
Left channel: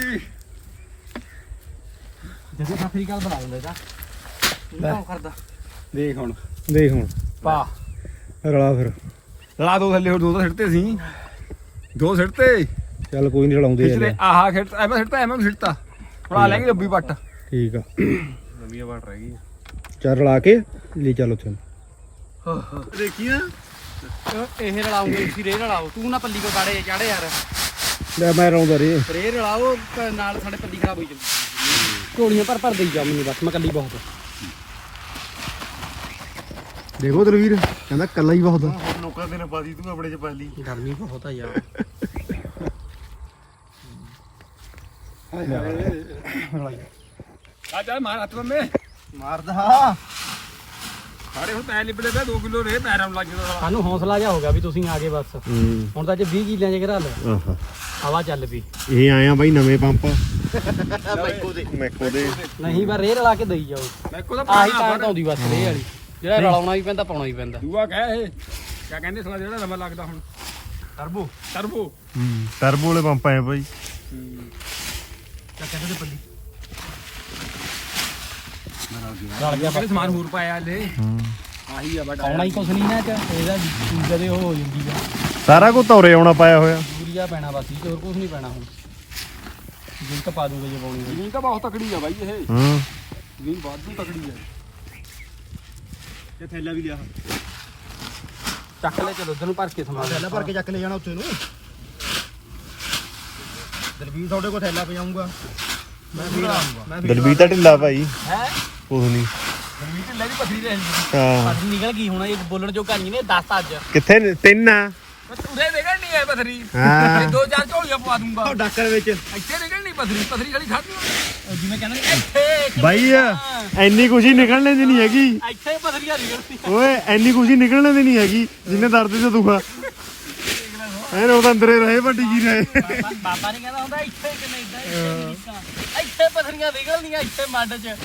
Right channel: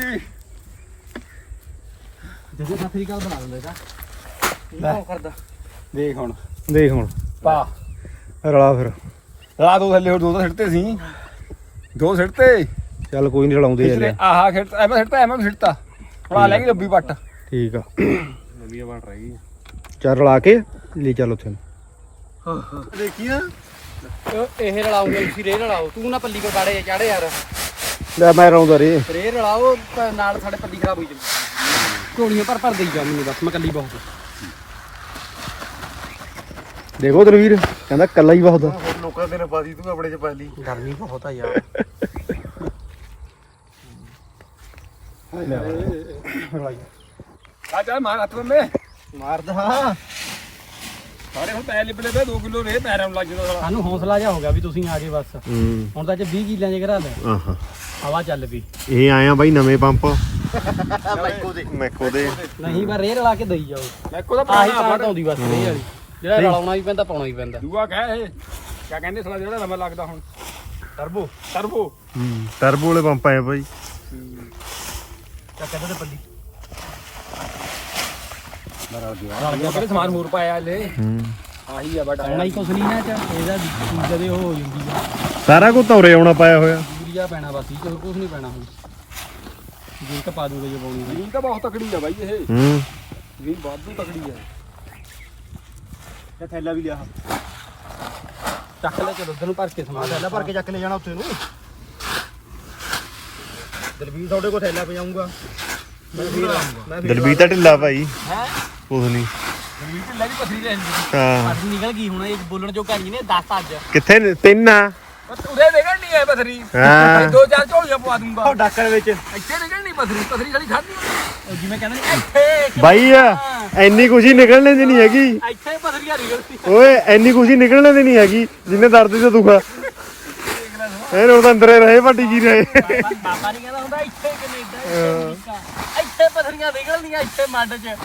E: ਜਦੋਂ ਸਤਰੀ ਕਾਲ ਬਣਾ ਲੈਂਦੇ ਤਾਂ ਇਹ ਕੰਮ ਕਰਦਾ
C: ਦੇਖ ਹੁਣ
E: ਦੇਖ ਹੁਣ
C: ਪਾ
E: ਰਲਾ ਫਿਰ
C: ਲਾ ਦੋ ਥੱਲੇ ਹੋਰ ਦੋ ਤਾਂ ਸਿੱਟਤੇ ਸੀ, ਦੋ ਸਿੱਟਤੇ
E: ਚੱਲ ਕੋਈ ਨਹੀਂ ਰਲਾਉਂਦੇ
C: ਪਿਛਲੇ ਆਹਾ ਖਿੱਟ ਐਵੇਂ ਸਿੱਟਤਾ ਐਵੇਂ ਵੀ ਸਿੱਟਤਾ ਹੁਣ ਆ ਲੈ ਗਈ ਰੱਬੀ ਪੱਟ।
E: ਠੀਕ ਆ
F: ਨਵੀਂ ਬਣ ਰਹਿ ਗਈ
E: ਚੱਲ ਰਲਾ ਕੇ ਲੈ ਚੱਲ ਉੱਥੇ
F: ਦੇਖੀ ਨਾ
E: ਇਹ ਰਲਾਉਂਗੇ ਤੁਸੀਂ ਰੇ ਰਲਾਓ ਤੂੰ ਨਾ ਪੱਲੀ ਕੋ ਗਾੜੇ ਚਾੜੇ ਯਾਰ ਲੈ ਮੈਂ ਰਲਾਉਂਦਾ ਰੇ ਰੇ ਰਲਾਓ ਤਾਂ ਨਾਲ ਸਾਡੇ ਪੱਲੀ ਖਰਾਬ ਹੋਈ ਜਾਂਦੀ ਢੋਲੀਆਂ ਭਰ ਭਰ ਦੇਈ ਜਾ ਮੈਨੂੰ ਬਸ ਮੈਂ ਕੱਲੀ ਬਹੁਤ ਦੇਖੋ ਦਰਵੀਰ ਕਹਿੰਦਾ ਕੱਲਾ ਹੀ ਬਹੁਤ ਆ
F: ਹੋਰ ਲੋਕਾਂ ਦੇ ਨੇ ਪਾਦੀ ਤੂੰ ਆਪਣੇ ਚ ਪਾ ਲਈ
E: ਗਰਮੀ ਬਹੁਤ ਆ ਯਾਰ
C: ਆ ਚੱਲ ਮਾਰ ਹੱਥ ਮੇ
E: ਮਾਰਦਾ
C: ਸਾਰੇ ਹੁਣ ਪੈ ਲਿਬੜੇ ਪਏ ਦੋ ਕਿਲੋ ਰੇ ਪੈਰਾਂ ਨੂੰ ਲੱਗ ਜਾਂਦਾ ਸਾਲਾ।
E: ਸਾਨੂੰ ਹੌਸਲਾ ਜਿਹਾ ਹੋ ਗਿਆ ਵੀ ਤੁਸੀਂ ਆ ਗਏ ਬਸ ਹੁਣ ਤਾਂ ਜੇ ਵੀਹ ਕਿੱਲਿਆਂ ਚ ਘਰਾ ਲੈ
F: ਆਹਾ
E: ਹਵਾ ਚੱਲ ਪਈ
F: ਇਹ ਆਇਆ ਬਾਈ ਨਵੇਂ ਪੰਪ ਮੈਕੋ ਦੇ ਮੈਕੋ ਦੇ
E: ਨਹੀਂ ਬਸ ਰੇ ਰਲਾ ਕੇ ਦੇਈ ਜਾਓ
C: ਮੈਂ ਕੋਦਾ
E: ਆਹੀ
C: ਪਾਣਾ
E: ਤਾਂ ਆਉਂਦੀ ਬਸ ਰੇ ਵਾਲੀ ਜਿਹੜਾ ਰਲਾਉਣਾ ਵੀ ਪੈਂਦਾ ਪਾਉਣਾ ਵੀ ਪੈਂਦਾ
C: ਦੂਆ ਕਹੇ ਇਹ ਕਿਆ ਕਹਿੰਦੇ ਸਾਲਾ ਜਿਹੜਾ ਨਵਾਂ ਲੱਗਦਾ ਹੁਣ ਟਰਬੋ ਟਰਬੋ
F: ਹੂੰ ਟਰਬੋ ਵਾਲੇ ਪੰਪ ਆਏ ਬਾਈ
E: ਚੱਕ ਦੇ ਪੱਲੀ
C: ਉਹ ਕਹਿੰਦੇ ਸਮਾਨ ਹੋਰ ਪਾਇਆ ਲੈ
F: ਹੂੰ
C: ਆਹੀ ਆ ਬੜਾ
E: ਆਉਣਾ ਹੀ ਕੁਛ ਨਹੀਂ ਨਾ ਚ ਇਹਦਾ ਜਦੇ ਉਹ ਹੋ ਜਾਂਦੀ ਆ
F: ਸਾਰਾ ਕੁਝ ਤੌਰੇ ਆਉਣਾ ਪਾਇਆ ਹੋਇਆ
E: ਯੂਰੀਆ ਪੈਣਾ ਬਸ ਹੀ ਹੋਰ ਕੁਛ ਨਹੀਂ ਪੈਣਾ ਹੁਣ ਜੀ ਤਾਂ ਪਾ ਦੂਗਾ ਜੇ ਪਾਉਣੀ
C: ਜ਼ਮੀਨ ਤਾਂ ਬਹੁਤ ਤਕੜੀ ਆ ਬਾਈ ਇਹ
F: ਹੂੰ
C: ਜ਼ਮੀਨ ਵਾਧੂ ਤਕੜੀ ਆ।
A: ਤੇ ਥੈਲਾ ਵੀ ਲਿਆ
E: ਚੱਕ ਲੈ ਚਲੋ ਉਧਰ ਨੂੰ ਭਰ ਕੇ ਸਮਾਨ
A: ਥੈਲਾ ਭਰ ਕੇ ਚੱਕ ਲੈ ਜਾਣਾ ਉੱਥੇ ਨੂੰ ਦਲਵੀਰ ਤੁਹਾਡੇ ਕੋਲ ਥੈਲਾ ਪਜਾਉਂਗਾ ਮੈਂ ਫੇਰ ਆਉਂਗਾ ਮੈਂ ਫੇਰ
F: ਦਲਵੀਰ ਤਾਂ ਢਿੱਲਾ ਭਾਈ
C: ਹੈ
F: ਕੁਝ ਨਹੀਂ
C: ਜ਼ਮੀਨ ਢਿੱਲੇ ਦੀ ਪਥਰੀ ਰਹਿੰਦੀ
F: ਹਾਂ
E: ਅੱਜ ਨਿਕਲ ਗਈ ਹੁਣ ਇਹ ਬੋਲਣ ਜੋ ਕਹਾਣੀ ਨੇ ਦਸ ਅੱਜ
F: ਕਿੱਥੇ ਨੇ? ਤਿੰਨ ਆ
C: ਉਰੇ ਨਿਕਲ ਨਹੀਂ ਹੈ ਪਥਰੀ
F: ਹਾਂ।
C: ਦੋ ਚਾਰ ਝੋਲੀਆਂ ਪਵਾ ਦੂੰਗਾ
A: ਡਾਕਰ ਵਿੱਚ
C: ਇੱਥੇ ਨਿਕਲ ਨਹੀਂ ਪਥਰੀ ਪਥਰੀ ਖਾਲੀ ਖਾਦੀ
E: ਜਿਵੇਂ ਕਹਿੰਦੇ ਨੇ ਇੱਥੇ
F: ਬਾਈ ਐਨੀ ਖੁਸ਼ੀ ਨਿਕਲਣੇ ਦੀ ਨਹੀਂ ਹੈਗੀ
E: ਇੱਥੇ ਪਥਰੀਆ ਨਿਕਲਦੀ
F: ਓਏ ਐਨੀ ਖੁਸ਼ੀ ਨਿਕਲਣੇ ਦੀ ਨਹੀਂ ਹੈਗੀ ਜਿੰਨੇ ਦਰਦ ਚ ਦੁਖਾ ਇਹ ਉਹ ਤਾਂ ਅੰਦਰੇ ਰਹੇ ਵੱਡੀ ਜੀ ਰਹੇ
E: ਬਾਬਾ ਨਹੀਂ ਕਹਿੰਦਾ ਹੁੰਦਾ ਇੱਥੇ ਕੈਨੇਡਾ ਇੱਥੇ ਅਮਰੀਕਾ ਇੱਥੇ ਪਥਰੀਆਂ ਨਿਕਲਦੀਆਂ ਇੱਥੇ ਮੱਡ 'ਚ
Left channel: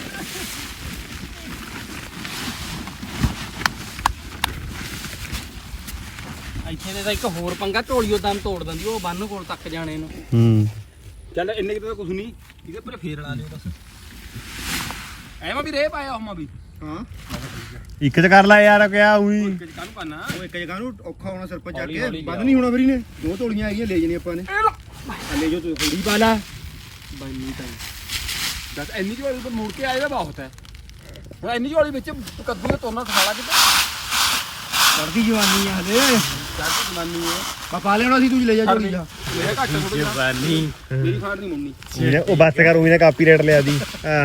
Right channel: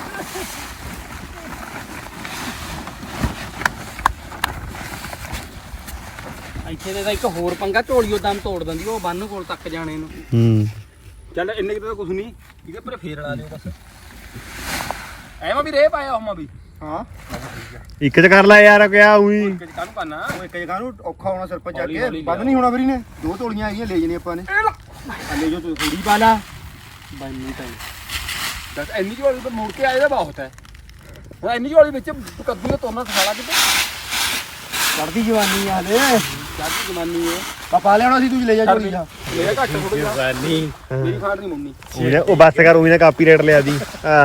E: ਇੱਥੇ ਦੇ ਤਾਂ ਇੱਕ ਹੋਰ ਪੰਗਾ ਢੋਲੀਓ ਦਮ ਤੋੜ ਦਿੰਦੀ ਉਹ ਬੰਨ ਕੋਲ ਤੱਕ ਜਾਣੇ ਨੂੰ
F: ਹੂੰ
C: ਚੱਲ ਇੰਨੇ ਕਿਤੇ ਤਾਂ ਕੁਝ ਨਹੀਂ ਇਹਦੇ ਪਰ ਫੇਰ ਲਾ ਲਿਓ ਬਸ ਐਵੇਂ ਵੀ ਰੇ ਪਾਇਆ ਹਮਾ ਵੀ
A: ਹਾਂ
F: ਇੱਕ ਚ ਕਰ ਲੈ ਯਾਰ ਕਿਆ ਉਹੀ
C: ਕਿ ਕਾਹਨੂੰ ਕਰਨਾ
A: ਉਹ ਇੱਕ ਜਗ੍ਹਾ ਨੂੰ ਔਖਾ ਹੋਣਾ ਸਿਰ ਪਰ ਚੱਕ ਕੇ ਵੱਧ ਨਹੀਂ ਹੋਣਾ ਵੀਰੀ ਨੇ ਦੋ ਤੋਲੀਆਂ ਆਈਆਂ ਲੈ ਜਣੇ ਆਪਾਂ ਨੇ ਲੈ ਜੋ ਤੂੰ ਥੋੜੀ ਪਾ ਲਾ ਬਾਈ ਨਹੀਂ ਟਾਈਮ
C: ਦੱਸ ਇੰਨੀ ਝੋਲੀ ਤਾਂ ਮੁੜ ਕੇ ਆ ਜਾਏਗਾ ਬਹੁਤ ਹੈ ਹੁਣ ਇੰਨੀ ਝੋਲੀ ਵਿੱਚ ਕੱਦੂ ਨੇ ਤੋੜਨਾ ਖਾਲਾ ਕਿਤੇ
A: ਚੜਦੀ ਜਵਾਨੀ ਆ ਹਲੇ
C: ਚੱਲ ਜਮਾਨੀ ਹੈ
A: ਪਾ ਪਾ ਲਿਆਉਣਾ ਸੀ ਤੂੰ ਲੈ ਜਾ
C: ਛੱਡ
A: ਜੋਲੀ
C: ਦੇ ਲੈ ਘੱਟ ਥੋੜਾ ਜਿਹਾ ਮੇਰੀ ਖਾਣ ਨਹੀਂ ਮੁੰਨੀ
F: ਉਹ ਬਸ ਕਰ ਉਹੀ ਨੇ ਕਾਪੀਰਾਈਟ ਲਿਆ ਦੀ ਆ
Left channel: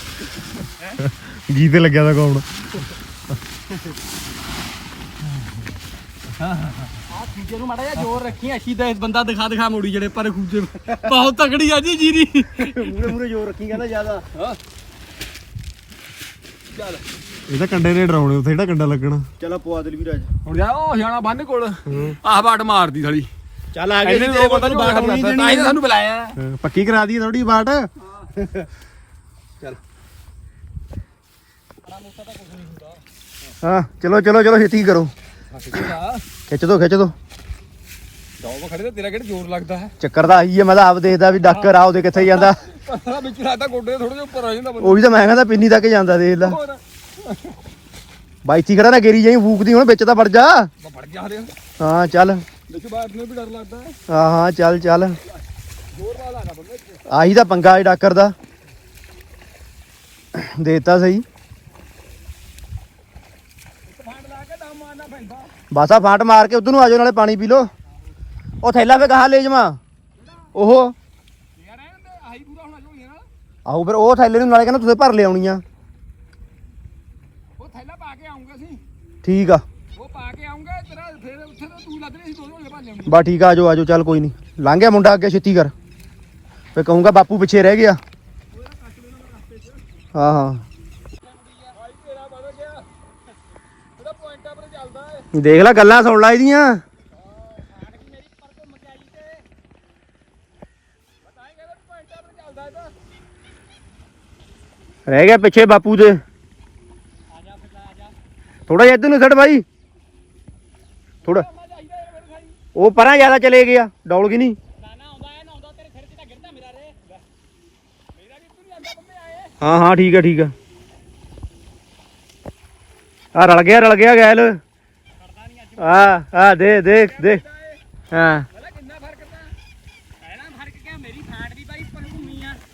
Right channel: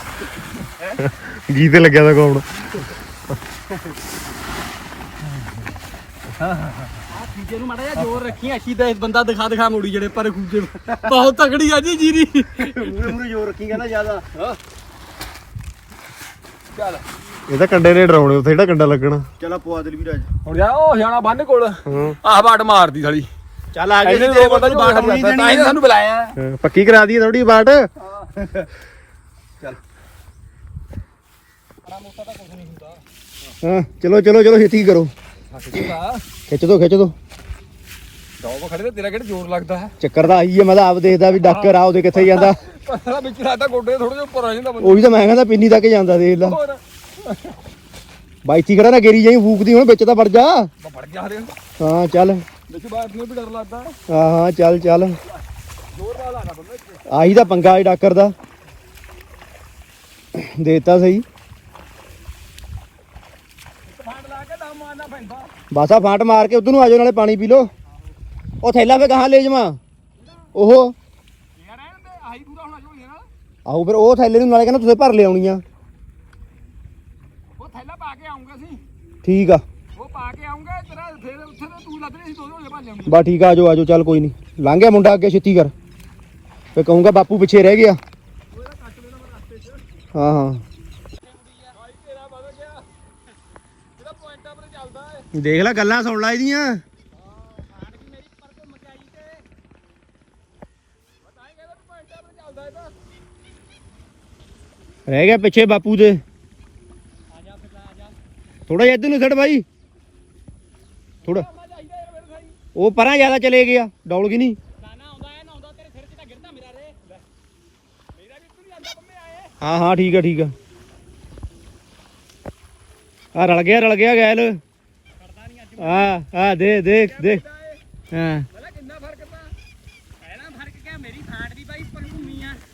F: ਗੀਤ ਲੱਗਿਆ ਦਾ ਕੌਣ
E: ਖੂਜੇ ਨੂੰ ਮਾੜਾ ਜਿਹਾ ਜ਼ੋਰ ਰੱਖੀ ਅਸ਼ੀ ਦਾ ਬੰਦਾ ਦਿਖਾ ਦਿਖਾ ਮੋੜੀ ਜਿਹੜੇ ਪਰ ਖੂਜੇ ਬਹੁਤ ਤਕੜੀ ਆ ਜੀ ਜੀਰੀ
A: ਮੂਰੇ ਮੂਰੇ ਜੋਰ ਰੱਖੀ ਕਹਿੰਦਾ ਜ਼ਿਆਦਾ
C: ਚੱਲ
F: ਇਹ ਤਾਂ ਕੰਡੇ ਨੇ ਡਰਾਉਣੇ ਉੱਥੇ ਜਿਹੜਾ ਕੰਡਾ ਲੱਗਣਾ
A: ਚਲਾ ਪਵਾ ਦੇ ਵੀਰ ਅੱਜ
C: ਹੁਣ ਜਾ ਉਹ ਜਾਣਾ ਬੰਨ ਕੋਲ
F: ਹਾਂ
C: ਆਹ ਬਾਟ ਮਾਰਦੀ ਸਾਲੀ
A: ਚੱਲ ਆ
C: ਇਹਨੇ ਦੋ ਬੰਦਾ ਝੋਲੀ ਖਾਲੀ ਕਰਦਾ ਤਾਂ ਹੀ ਤਾਂ ਸਾਨੂੰ ਬੁਲਾਇਆ ਹੈ।
F: ਹਾਂ, ਪੱਕੀ ਕਰਾ ਦਈਏ ਥੋੜੀ ਬਾਟ
A: ਹਾਂ ਚਲੋ ਚਲੋ ਚਲੋ ਛੇਤੀ ਕਰੋ
C: ਹੱਸੇਗਾ
A: ਖਿੱਚ ਦੋ ਖਿੱਚ ਦੋ
C: ਦੋ ਖੜੇ ਤੇ ਤੇਰਾ ਕਿਹੜਾ ਜ਼ੋਰ ਲੱਗਦਾ ਹੈ
A: ਚੱਕਰ ਤਾਂ ਆਈ ਹੈ ਮੈਂ ਤਾਂ ਆਪ ਦੇਖਦਾ ਵੀ ਡਾਕਰ ਆ ਉਹਦੇ ਕਿੱਥੇ ਜਾਂਦਾ
C: ਪਤਲਾ ਵਿੱਚ ਲੱਗਦਾ ਗੋਡੇ ਥੋੜੇ ਜਿਹਾ ਉੱਪਰ ਆ ਜਾਂਦਾ ਬੰਦਾ
A: ਉਹੀ ਤਾਂ ਮੈਂ ਕਹਿੰਦਾ ਪਿੰਨੀ ਤੱਕ ਜਾਂਦਾ ਦੇਖ ਲੈ
C: ਹੋਰ
A: ਬਾਈਤੀ ਖੜਾ ਨਾ ਗੇਰੀ ਜਾਈ ਫੂਕਦੀ ਹੁਣ ਵਿੱਚ ਤਾਂ ਵੜ ਜਾ
C: ਮੈਂ ਫੜ ਗਿਆ ਹਰੇ
A: ਹਾਂ ਚੱਲ
C: ਵਿੱਚ ਬਾਤ ਨੂੰ ਵੀ ਡਰ ਲੱਗਦਾ ਹੈ।
A: ਹਾਂ ਹਾਂ ਚੱਲ ਚੱਲ
C: ਜ਼ੋਰ ਨਾਲ ਲਾਗਾ ਬੰਦਾ ਇੱਥੇ
A: ਆਹੀ ਤਾਂ ਪੰਗਾ ਹੈ ਡਾਕਰ ਦਾ ਦੇਤਾ ਸਹੀ
C: ਫਾੜ ਲਾ ਕੇ ਦਮ ਮਾਰਨਾ ਪੈਂਦਾ
A: ਬਸ ਆ ਫਾਟ ਮਾਰ ਕੇ ਉਧਰ ਨੂੰ ਆ ਜਾਓ ਨਾਲੇ ਪਾਣੀ ਪੀ ਲਓ ਉਹ ਥੈਲਾ ਫੇ ਕਹਾਂ ਲੈ ਜਾਵਾਂ ਉਹ
C: ਯਾਰ ਐਨ ਤੇ ਆਹੀ ਪੂਰਾ ਹੋਣਾ ਝੋਲੀਆਂ ਨਾਲ
A: ਆਹੋ ਫਿਰ ਉਹ ਥੈਲੇ ਨੂੰ ਨਾਲੇ ਕਹਿੰਦਾ ਤੁਸੀਂ ਭਰ ਲਿਆਉਣੀਆਂ
C: ਉਹ ਥੈਲਾ ਪਾ ਕੇ ਆਉਂਗਾ ਸੀ
A: ਠੀਕ ਆ
C: ਉਹ ਪਾ ਕੇ ਆਉਂਗਾ ਤੇਰਾ ਫਿਰ ਉੱਥੇ ਤਾਂ ਤੂੰ ਲੱਗ ਰਹੀ ਸੀ ਦੋ ਝੋਲੇ ਭਰ ਲਿਆਉਂਗੀ
A: ਬਾ ਠੀਕ ਆ ਆਜੋ ਆਜੋ ਚੱਲ ਕੋਈ ਨਹੀਂ ਲੰਘ ਗਿਆ ਮੁੰਡਾ ਅੱਗੇ ਛੇਤੀ ਕਰ ਫੇ ਕਹੂੰਗਾ ਬਾਪੂ ਪਿੱਛੇ ਰਹਿ ਗਿਆ ਹਾਂ ਹਾਂ
C: ਤੇਰਾ ਵਧ ਗਿਆ ਇਹਦਾ ਪੁਆਇੰਟਾਂ ਪਰ ਚੱਲਦਾ ਹੈ
A: ਦੇਖ ਲੈ ਗੱਲਾਂ ਸੁਣ ਲੈ ਇਹਦੀਆਂ ਰਹਿ ਗਿਆ ਪਿੱਛੇ ਬਾਪੂ ਦੇ ਥੋੜਾ ਜਿਹਾ ਇੱਧਰ ਨੂੰ ਛੱਡ ਬਾਈ ਥੋੜਾ ਉਹ ਪਰਾਂ ਜ਼ਿਆਦਾ ਚਲੇ ਗਿਆ ਡੌਲ ਗਈ ਨਹੀਂ ਹਾਂ ਹਾਂ ਠੀਕ ਹੈ ਠੀਕ ਹੈ ਆ ਰਲ ਗਿਆ ਰਲ ਗਿਆ ਗੈਲ ਆ ਆ ਦੇ ਦੇਖ ਦੇਖ ਹਾਂ
E: ਕਿੰਨਾ ਫਰਕ ਤਾਂ ਪਹਿਲਾਂ ਫਰਕ ਕਿਆ ਮੇਰੀ ਫਾਂਟ ਵੀ ਬਾਈ ਉੱਪਰ ਘੁੰਮੀ ਆ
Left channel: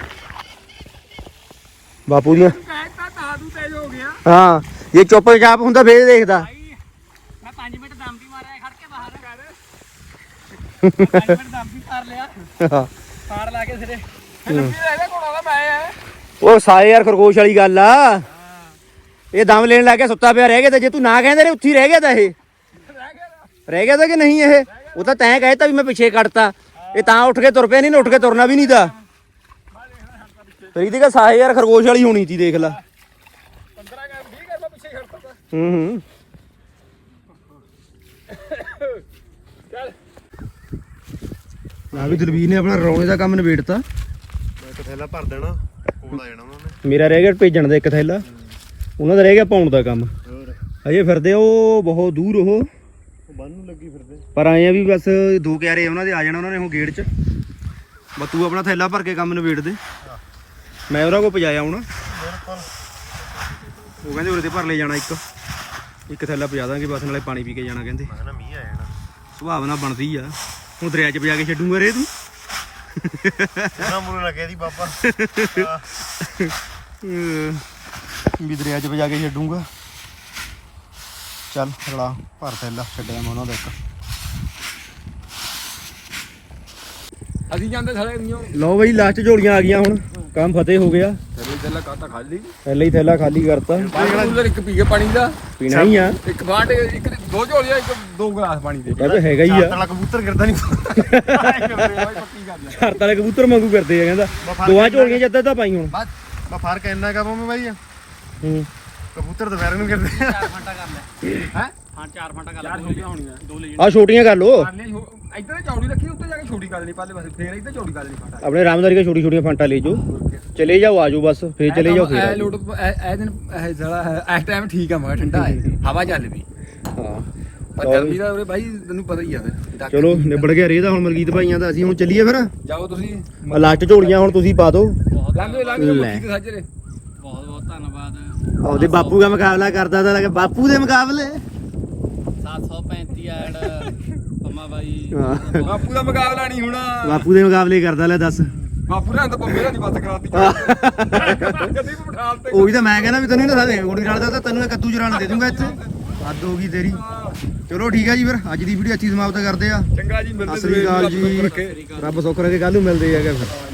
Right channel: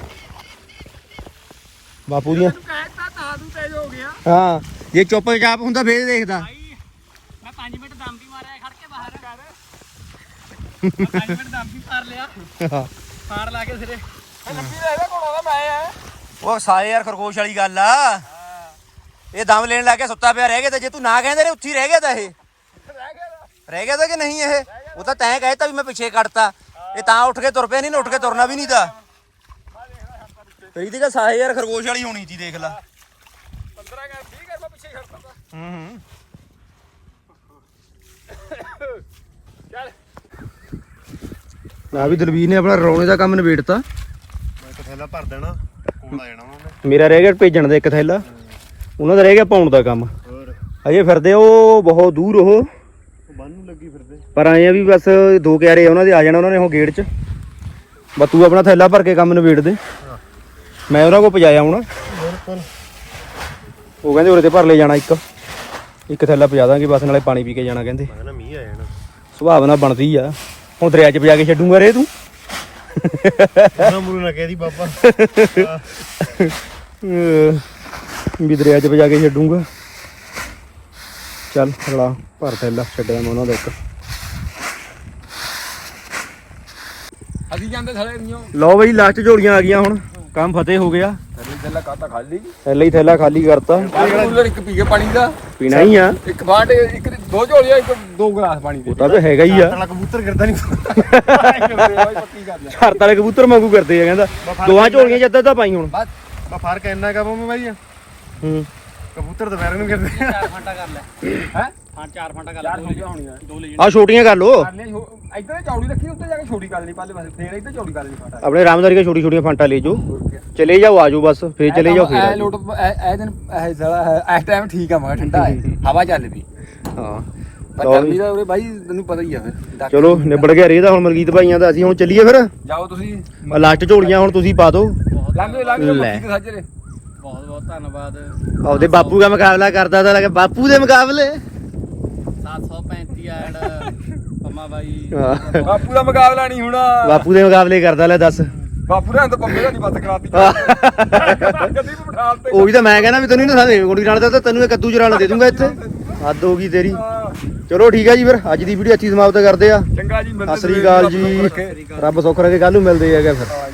A: ਬਾਪੂ ਜੀ
E: ਕਹਿਤਾ ਤਾਂ ਤੂੰ ਤੇਜ਼ ਹੋ ਗਿਆ
A: ਹਾਂ ਜੇ ਚੁੱਪ ਚਾਪ ਹੁੰਦਾ ਫੇਰ ਦੇਖਦਾ
E: ਮੈਂ ਪੰਜ ਮਿੰਟ ਦਮ ਵੀ ਮਾਰਿਆ ਖੜ ਕੇ ਬਾਹਰ ਕਰ ਪੰਜ ਮਿੰਟ ਦਮ ਵੀ ਮਾਰ ਲਿਆ ਫਾੜ ਲਾ ਕੇ ਸਿਰੇ ਲੱਭੀ ਦਾ ਇਹਦਾ ਕੋਲ ਆਵਾ ਮੈਂ ਆ
A: ਉਹ ਸਾਏ ਯਾਰ ਖਰਗੋਸ਼ ਵਾਲੀ ਗੱਲ ਆ ਇਹ ਦਮ ਲੈਣ ਲੱਗ ਗਿਆ ਸੁੱਤਾ ਪਿਆ ਰਹਿ ਗਿਆ ਤੇ ਜੇ ਤੂੰ ਨਾ ਕਹਿੰਦੇ ਨੇ ਉੱਥੇ ਹੀ ਰਹਿ ਗਿਆ ਤਾਂ ਇਹ ਰਹਿ ਗਿਆ ਤਾਂ ਕਿ ਨਹੀਂ ਇਹ ਉਹ ਤਾਂ ਤੈਂ ਕਹਿਤਾ ਵੀ ਮੈਂ ਪਿੱਛੇ ਕੱਟਤਾ ਇਹ ਤਾਂ ਉੱਠ ਕੇ ਤੁਰ ਪਿਆ ਨਹੀਂ ਨਾ ਉੱਠ ਕੇ ਤੁਰਨਾ ਵੀ ਨਹੀਂ ਤਾਂ ਤੇਰੀ ਤੇ ਸਾਏ ਯਾਰ ਖਰਗੋਸ਼ ਵਾਲੀ ਹੋਣੀ ਸੀ ਦੇਖ ਲੈ
C: ਪੰਦਰਾਂ ਕਰ ਵੀਹ ਕਰ ਮੈਂ ਪਿੱਛੇ ਖੜਦਾ
A: ਹੂੰ ਹੂੰ
C: ਚੱਲ
A: ਨਾ ਵੀ ਦਲਵੀਰ ਨੇ ਆਪਣਾ ਰੌਣੇ ਦਾ ਕੰਮ ਨਿਬੇੜਤਾ
F: ਮੈਂ ਇੱਕ ਥੈਲਾ ਭਰ ਦੇਣਾ ਕੋਲ ਆ ਜਾਣਾ ਵਾ
A: ਮੇਰਾ ਰਹਿ ਗਿਆ ਭੇਜਣ ਦਾ ਇੱਕ ਥੈਲਾ ਉਹਨਾਂ ਦਾ ਰਹਿ ਗਿਆ ਪਾਉਣ ਦਾ ਕੰਮ ਅਜੇ ਫਿਰਦੇ ਉਹ ਬਹੁਤ ਦੂਰ ਉਹ
F: ਉਹ ਬੰਨ ਨੂੰ ਲੱਗੀ ਫਿਰਦੇ
A: ਪਰ ਆਏ ਆ ਵੀ ਬਸ ਦੋ ਕਿਆਰੇ ਉਹਨਾਂ ਦੇ ਆ ਜਾਣਾ ਉਹਨਾਂ ਨੇ ਉਹ ਗੇਟ 'ਚ ਬਸ ਤੂੰ ਆਪਣਾ ਥੈਲਾ ਭਰ ਕੇ ਕੰਮ ਨਿਬੇੜ ਦੇ ਮੈਂ ਉਹਨਾਂ ਕੋਲ ਪਜਾਇਆ ਹੁਣ
F: ਬਿਲਕੁਲ
A: ਉਹ ਕਹਿੰਦੇ ਉਰੇ ਤੇ ਭਰ ਲੈ ਜਾਣਾ ਇੱਕ ਇੱਕ ਥੈਲਾ ਪਜਾ ਦਾਂਗੇ ਬਸ ਨਾਲੇ ਪਾਣੀ ਪੀ ਕੇ ਜਾਣਾ ਕਹਿੰਦੇ
F: ਮੈਂ ਨਾ ਮੀਂਹ ਆ ਜਾਣਾ
A: ਸੁਭਾਵ ਨਾਲ ਬਣਦੀ ਆ ਹੁਣ ਦਰਿਆ 'ਚ ਪਜਾ ਕੇ ਛੱਡੂਗਾ ਰੇ ਤੂੰ
F: ਉਹਨਾਂ ਮੂਰੇ ਨਾ ਕਹਿਦੀ ਬਾਬਾ
A: ਅਹ ਵੀ ਦਰਿਆ 'ਚ ਪਜਾ ਕੇ ਛੱਡੂਗਾ ਚੱਲ ਅਗਲਾ ਭਰ ਥੈਲਾ ਛੱਡਿਆ ਮੈਂ ਉਹਨਾਂ ਦਾ ਇੱਕ
C: ਅਸੀਂ ਜਾਂਦੇ ਸਾਰੇ ਨਹੀਂ
A: ਲਓ ਬਈ ਲਾਸਟ ਝੋਲੀਆਂ ਆ ਗਈਆਂ ਹੁਣ ਕੰਮ ਫਤਿਹ ਹੋ ਗਿਆ
C: ਥੈਲਾ ਕਾਟਾ ਖਾਲੀ
A: ਪਹਿਲਾਂ ਹੀ ਥੈਲਾ ਖਾਲੀ ਕਰਤਾ
C: ਕੂਲਰ ਇੱਕ ਪੀ ਕੇ ਪਾਣੀ ਦਾ
A: ਪੀਣਾ ਹੀ ਆ
C: ਇੱਕ ਬਾਟ ਇੱਕ ਦੋ ਝੋਲੀਆਂ ਇੱਕ ਦੋ ਗਲਾਸ ਪਾਣੀ ਦੇ
A: ਤਾਂ ਵੀ ਹੈਗਾ ਹੀ ਆ
F: ਤਲਾ ਕਬੂਤਰ ਕਰਦਾ ਨਹੀਂ
C: ਬਾਈ ਪੱਕੀ ਗੱਲ ਹੈ
A: ਘਰ ਵਾਲੇ ਕਬੂਤਰ ਵਾਂਗੂ ਕਰਦੇ ਆ ਕਹਿੰਦਾ ਦੋਵਾਂ ਝੋਲੀਆਂ ਜਿੱਦਾਂ ਤਾਂ ਪਾਈ ਹੁਣ
C: ਬਸ
F: ਬਾ ਫਰਕ ਇੰਨਾ ਕਾ ਮੈਂ ਬਾਈ
A: ਹੂੰ
F: ਕਬੂਤਰ ਦੁਪਹਿਰ ਨੂੰ ਕਰਦੇ
E: ਚਾਰ ਫਾਂਟਾ ਕਰ ਲੈ
C: ਹੈ
E: ਹਾਂ ਚਾਰ ਫਾਂਟਾ ਕਰ
C: ਚਾਰ
E: ਲੈ
C: ਛੋਟੀਆਂ ਹੋਣੀਆਂ
E: ਦੋ ਲੈ
A: ਆ ਛੋਟੀਆਂ ਕਰ ਲੋ
C: ਕਰ ਲਿਆ ਇੱਧਰ ਚੌੜੀ ਰੱਖੀ ਉੱਤੇ ਜਾ ਕੇ ਛੋਟੀ ਕਰ ਲਈ ਪਾਲੇ ਪਾਸੇ ਫੇਰ ਇੱਧਰ ਚੌੜੀ ਕਰ ਲਈ ਫਾਟਾ
A: ਆਪਣੇ ਰਾਮਦਾਰੀ ਕੇ ਛੋਟੀ ਛੋਟੀਆਂ ਫਾਂਟਾ ਲੈ ਜਾਓ ਚਲੇ ਜਾਓ ਆਜੋ ਬਸ ਫੇਰ ਚਲੇ ਜਾਓ
C: ਐ
A: ਫੇਰ
C: ਲੋਟ ਐ ਦਿਨ ਐ ਸਾਲਾ ਇਸ ਟਾਈਮ ਠੀਕ ਆ ਮਗਾ ਠੰਡਾ ਹੈ ਹਵਾ ਚੱਲਦੀ
A: ਹਾਂ
C: ਪਰ ਗਰਮੀ ਦਾ ਉਰੇ ਬਾਈ ਤੈਨੂੰ ਪਤਾ ਹੀ ਆ ਫਿਰ
A: ਚਲੋ ਨਿਬੜ ਗਿਆ ਰੇ ਦਾ ਹੁਣ ਮਲਕੀਤ ਭਾਈਆਂ ਦਾ ਅਸੀਂ ਹੁਣ ਚੱਲੀਏ ਫਿਰ
C: ਜਾਓ ਤੁਸੀਂ
A: ਲਾਸਟ ਝੋਲੀਆਂ ਹੁਣ ਤੁਸੀਂ ਪਾ ਦਿਓ
C: ਲੰਘ ਲੰਘ ਜਾਓ
A: ਲੈ।
C: ਮੱਕੀ ਦੇ ਸਾਜਰੇ
E: ਬਹੁਤ ਬਹੁਤ ਧੰਨਵਾਦ
A: ਉਹਦੇ ਬਾਪੂ ਦਾ ਮੁਕਾਬਲਾ ਕਰਦਾ ਤਾਂ ਲੱਗਾ ਬਾਪੂ ਦੇ ਮੁਕਾਬਲੇ
E: ਸੱਤ ਸੌ ਪੈਂਤੀ ਐਡ ਪੰਮਾ ਬਾਈ
A: ਹਾਂ।
C: ਬਾਪੂ ਦਾ ਮੁਕਾਬਲਾ ਨਹੀਂ ਹੋਣਾ
A: ਬਾਪੂ ਦੇ ਮੁਕਾਬਲੇ ਕਰਦਾ ਲੈ ਦੱਸ
C: ਬਾਪੂ ਨੇ ਤਾਂ ਪੰਮੇ ਦਾ ਨਹੀਂ ਬੱਤ ਕਰਾਤੀ ਕਦੀ ਵੀ ਬਿਠਾ ਤੇ
A: ਉਹੀ ਤਾਂ ਮੈਂ ਕਹਿੰਦਾ ਵੀ ਤੈਨੂੰ ਨਾ ਸਾਰੇ ਗੋਡੀ ਨਾਲ ਤਾਂ ਤੈਨੂੰ ਇਹ ਕੱਦੂ ਚਰਾਣਾ ਦੇ ਦੂੰਗਾ ਇੱਥੇ ਹੱਦ ਹੋ ਗਈ ਤੇਰੀ ਚਲੋ ਠੀਕ ਹੈ ਜੀ ਫਿਰ ਅੱਜ ਦੀ ਵੀਡੀਓ ਅੱਛੀ ਸਮਾਪਤ ਕਰਦੇ ਆ
C: ਚੰਗਾ ਜੀ
A: ਸਤਿ ਸ੍ਰੀ ਅਕਾਲ ਜੀ ਰੱਬ ਸੁੱਖ ਰੱਖੇ ਕੱਲ ਨੂੰ ਮਿਲਦੇ ਹੈਗੇ ਫਿਰ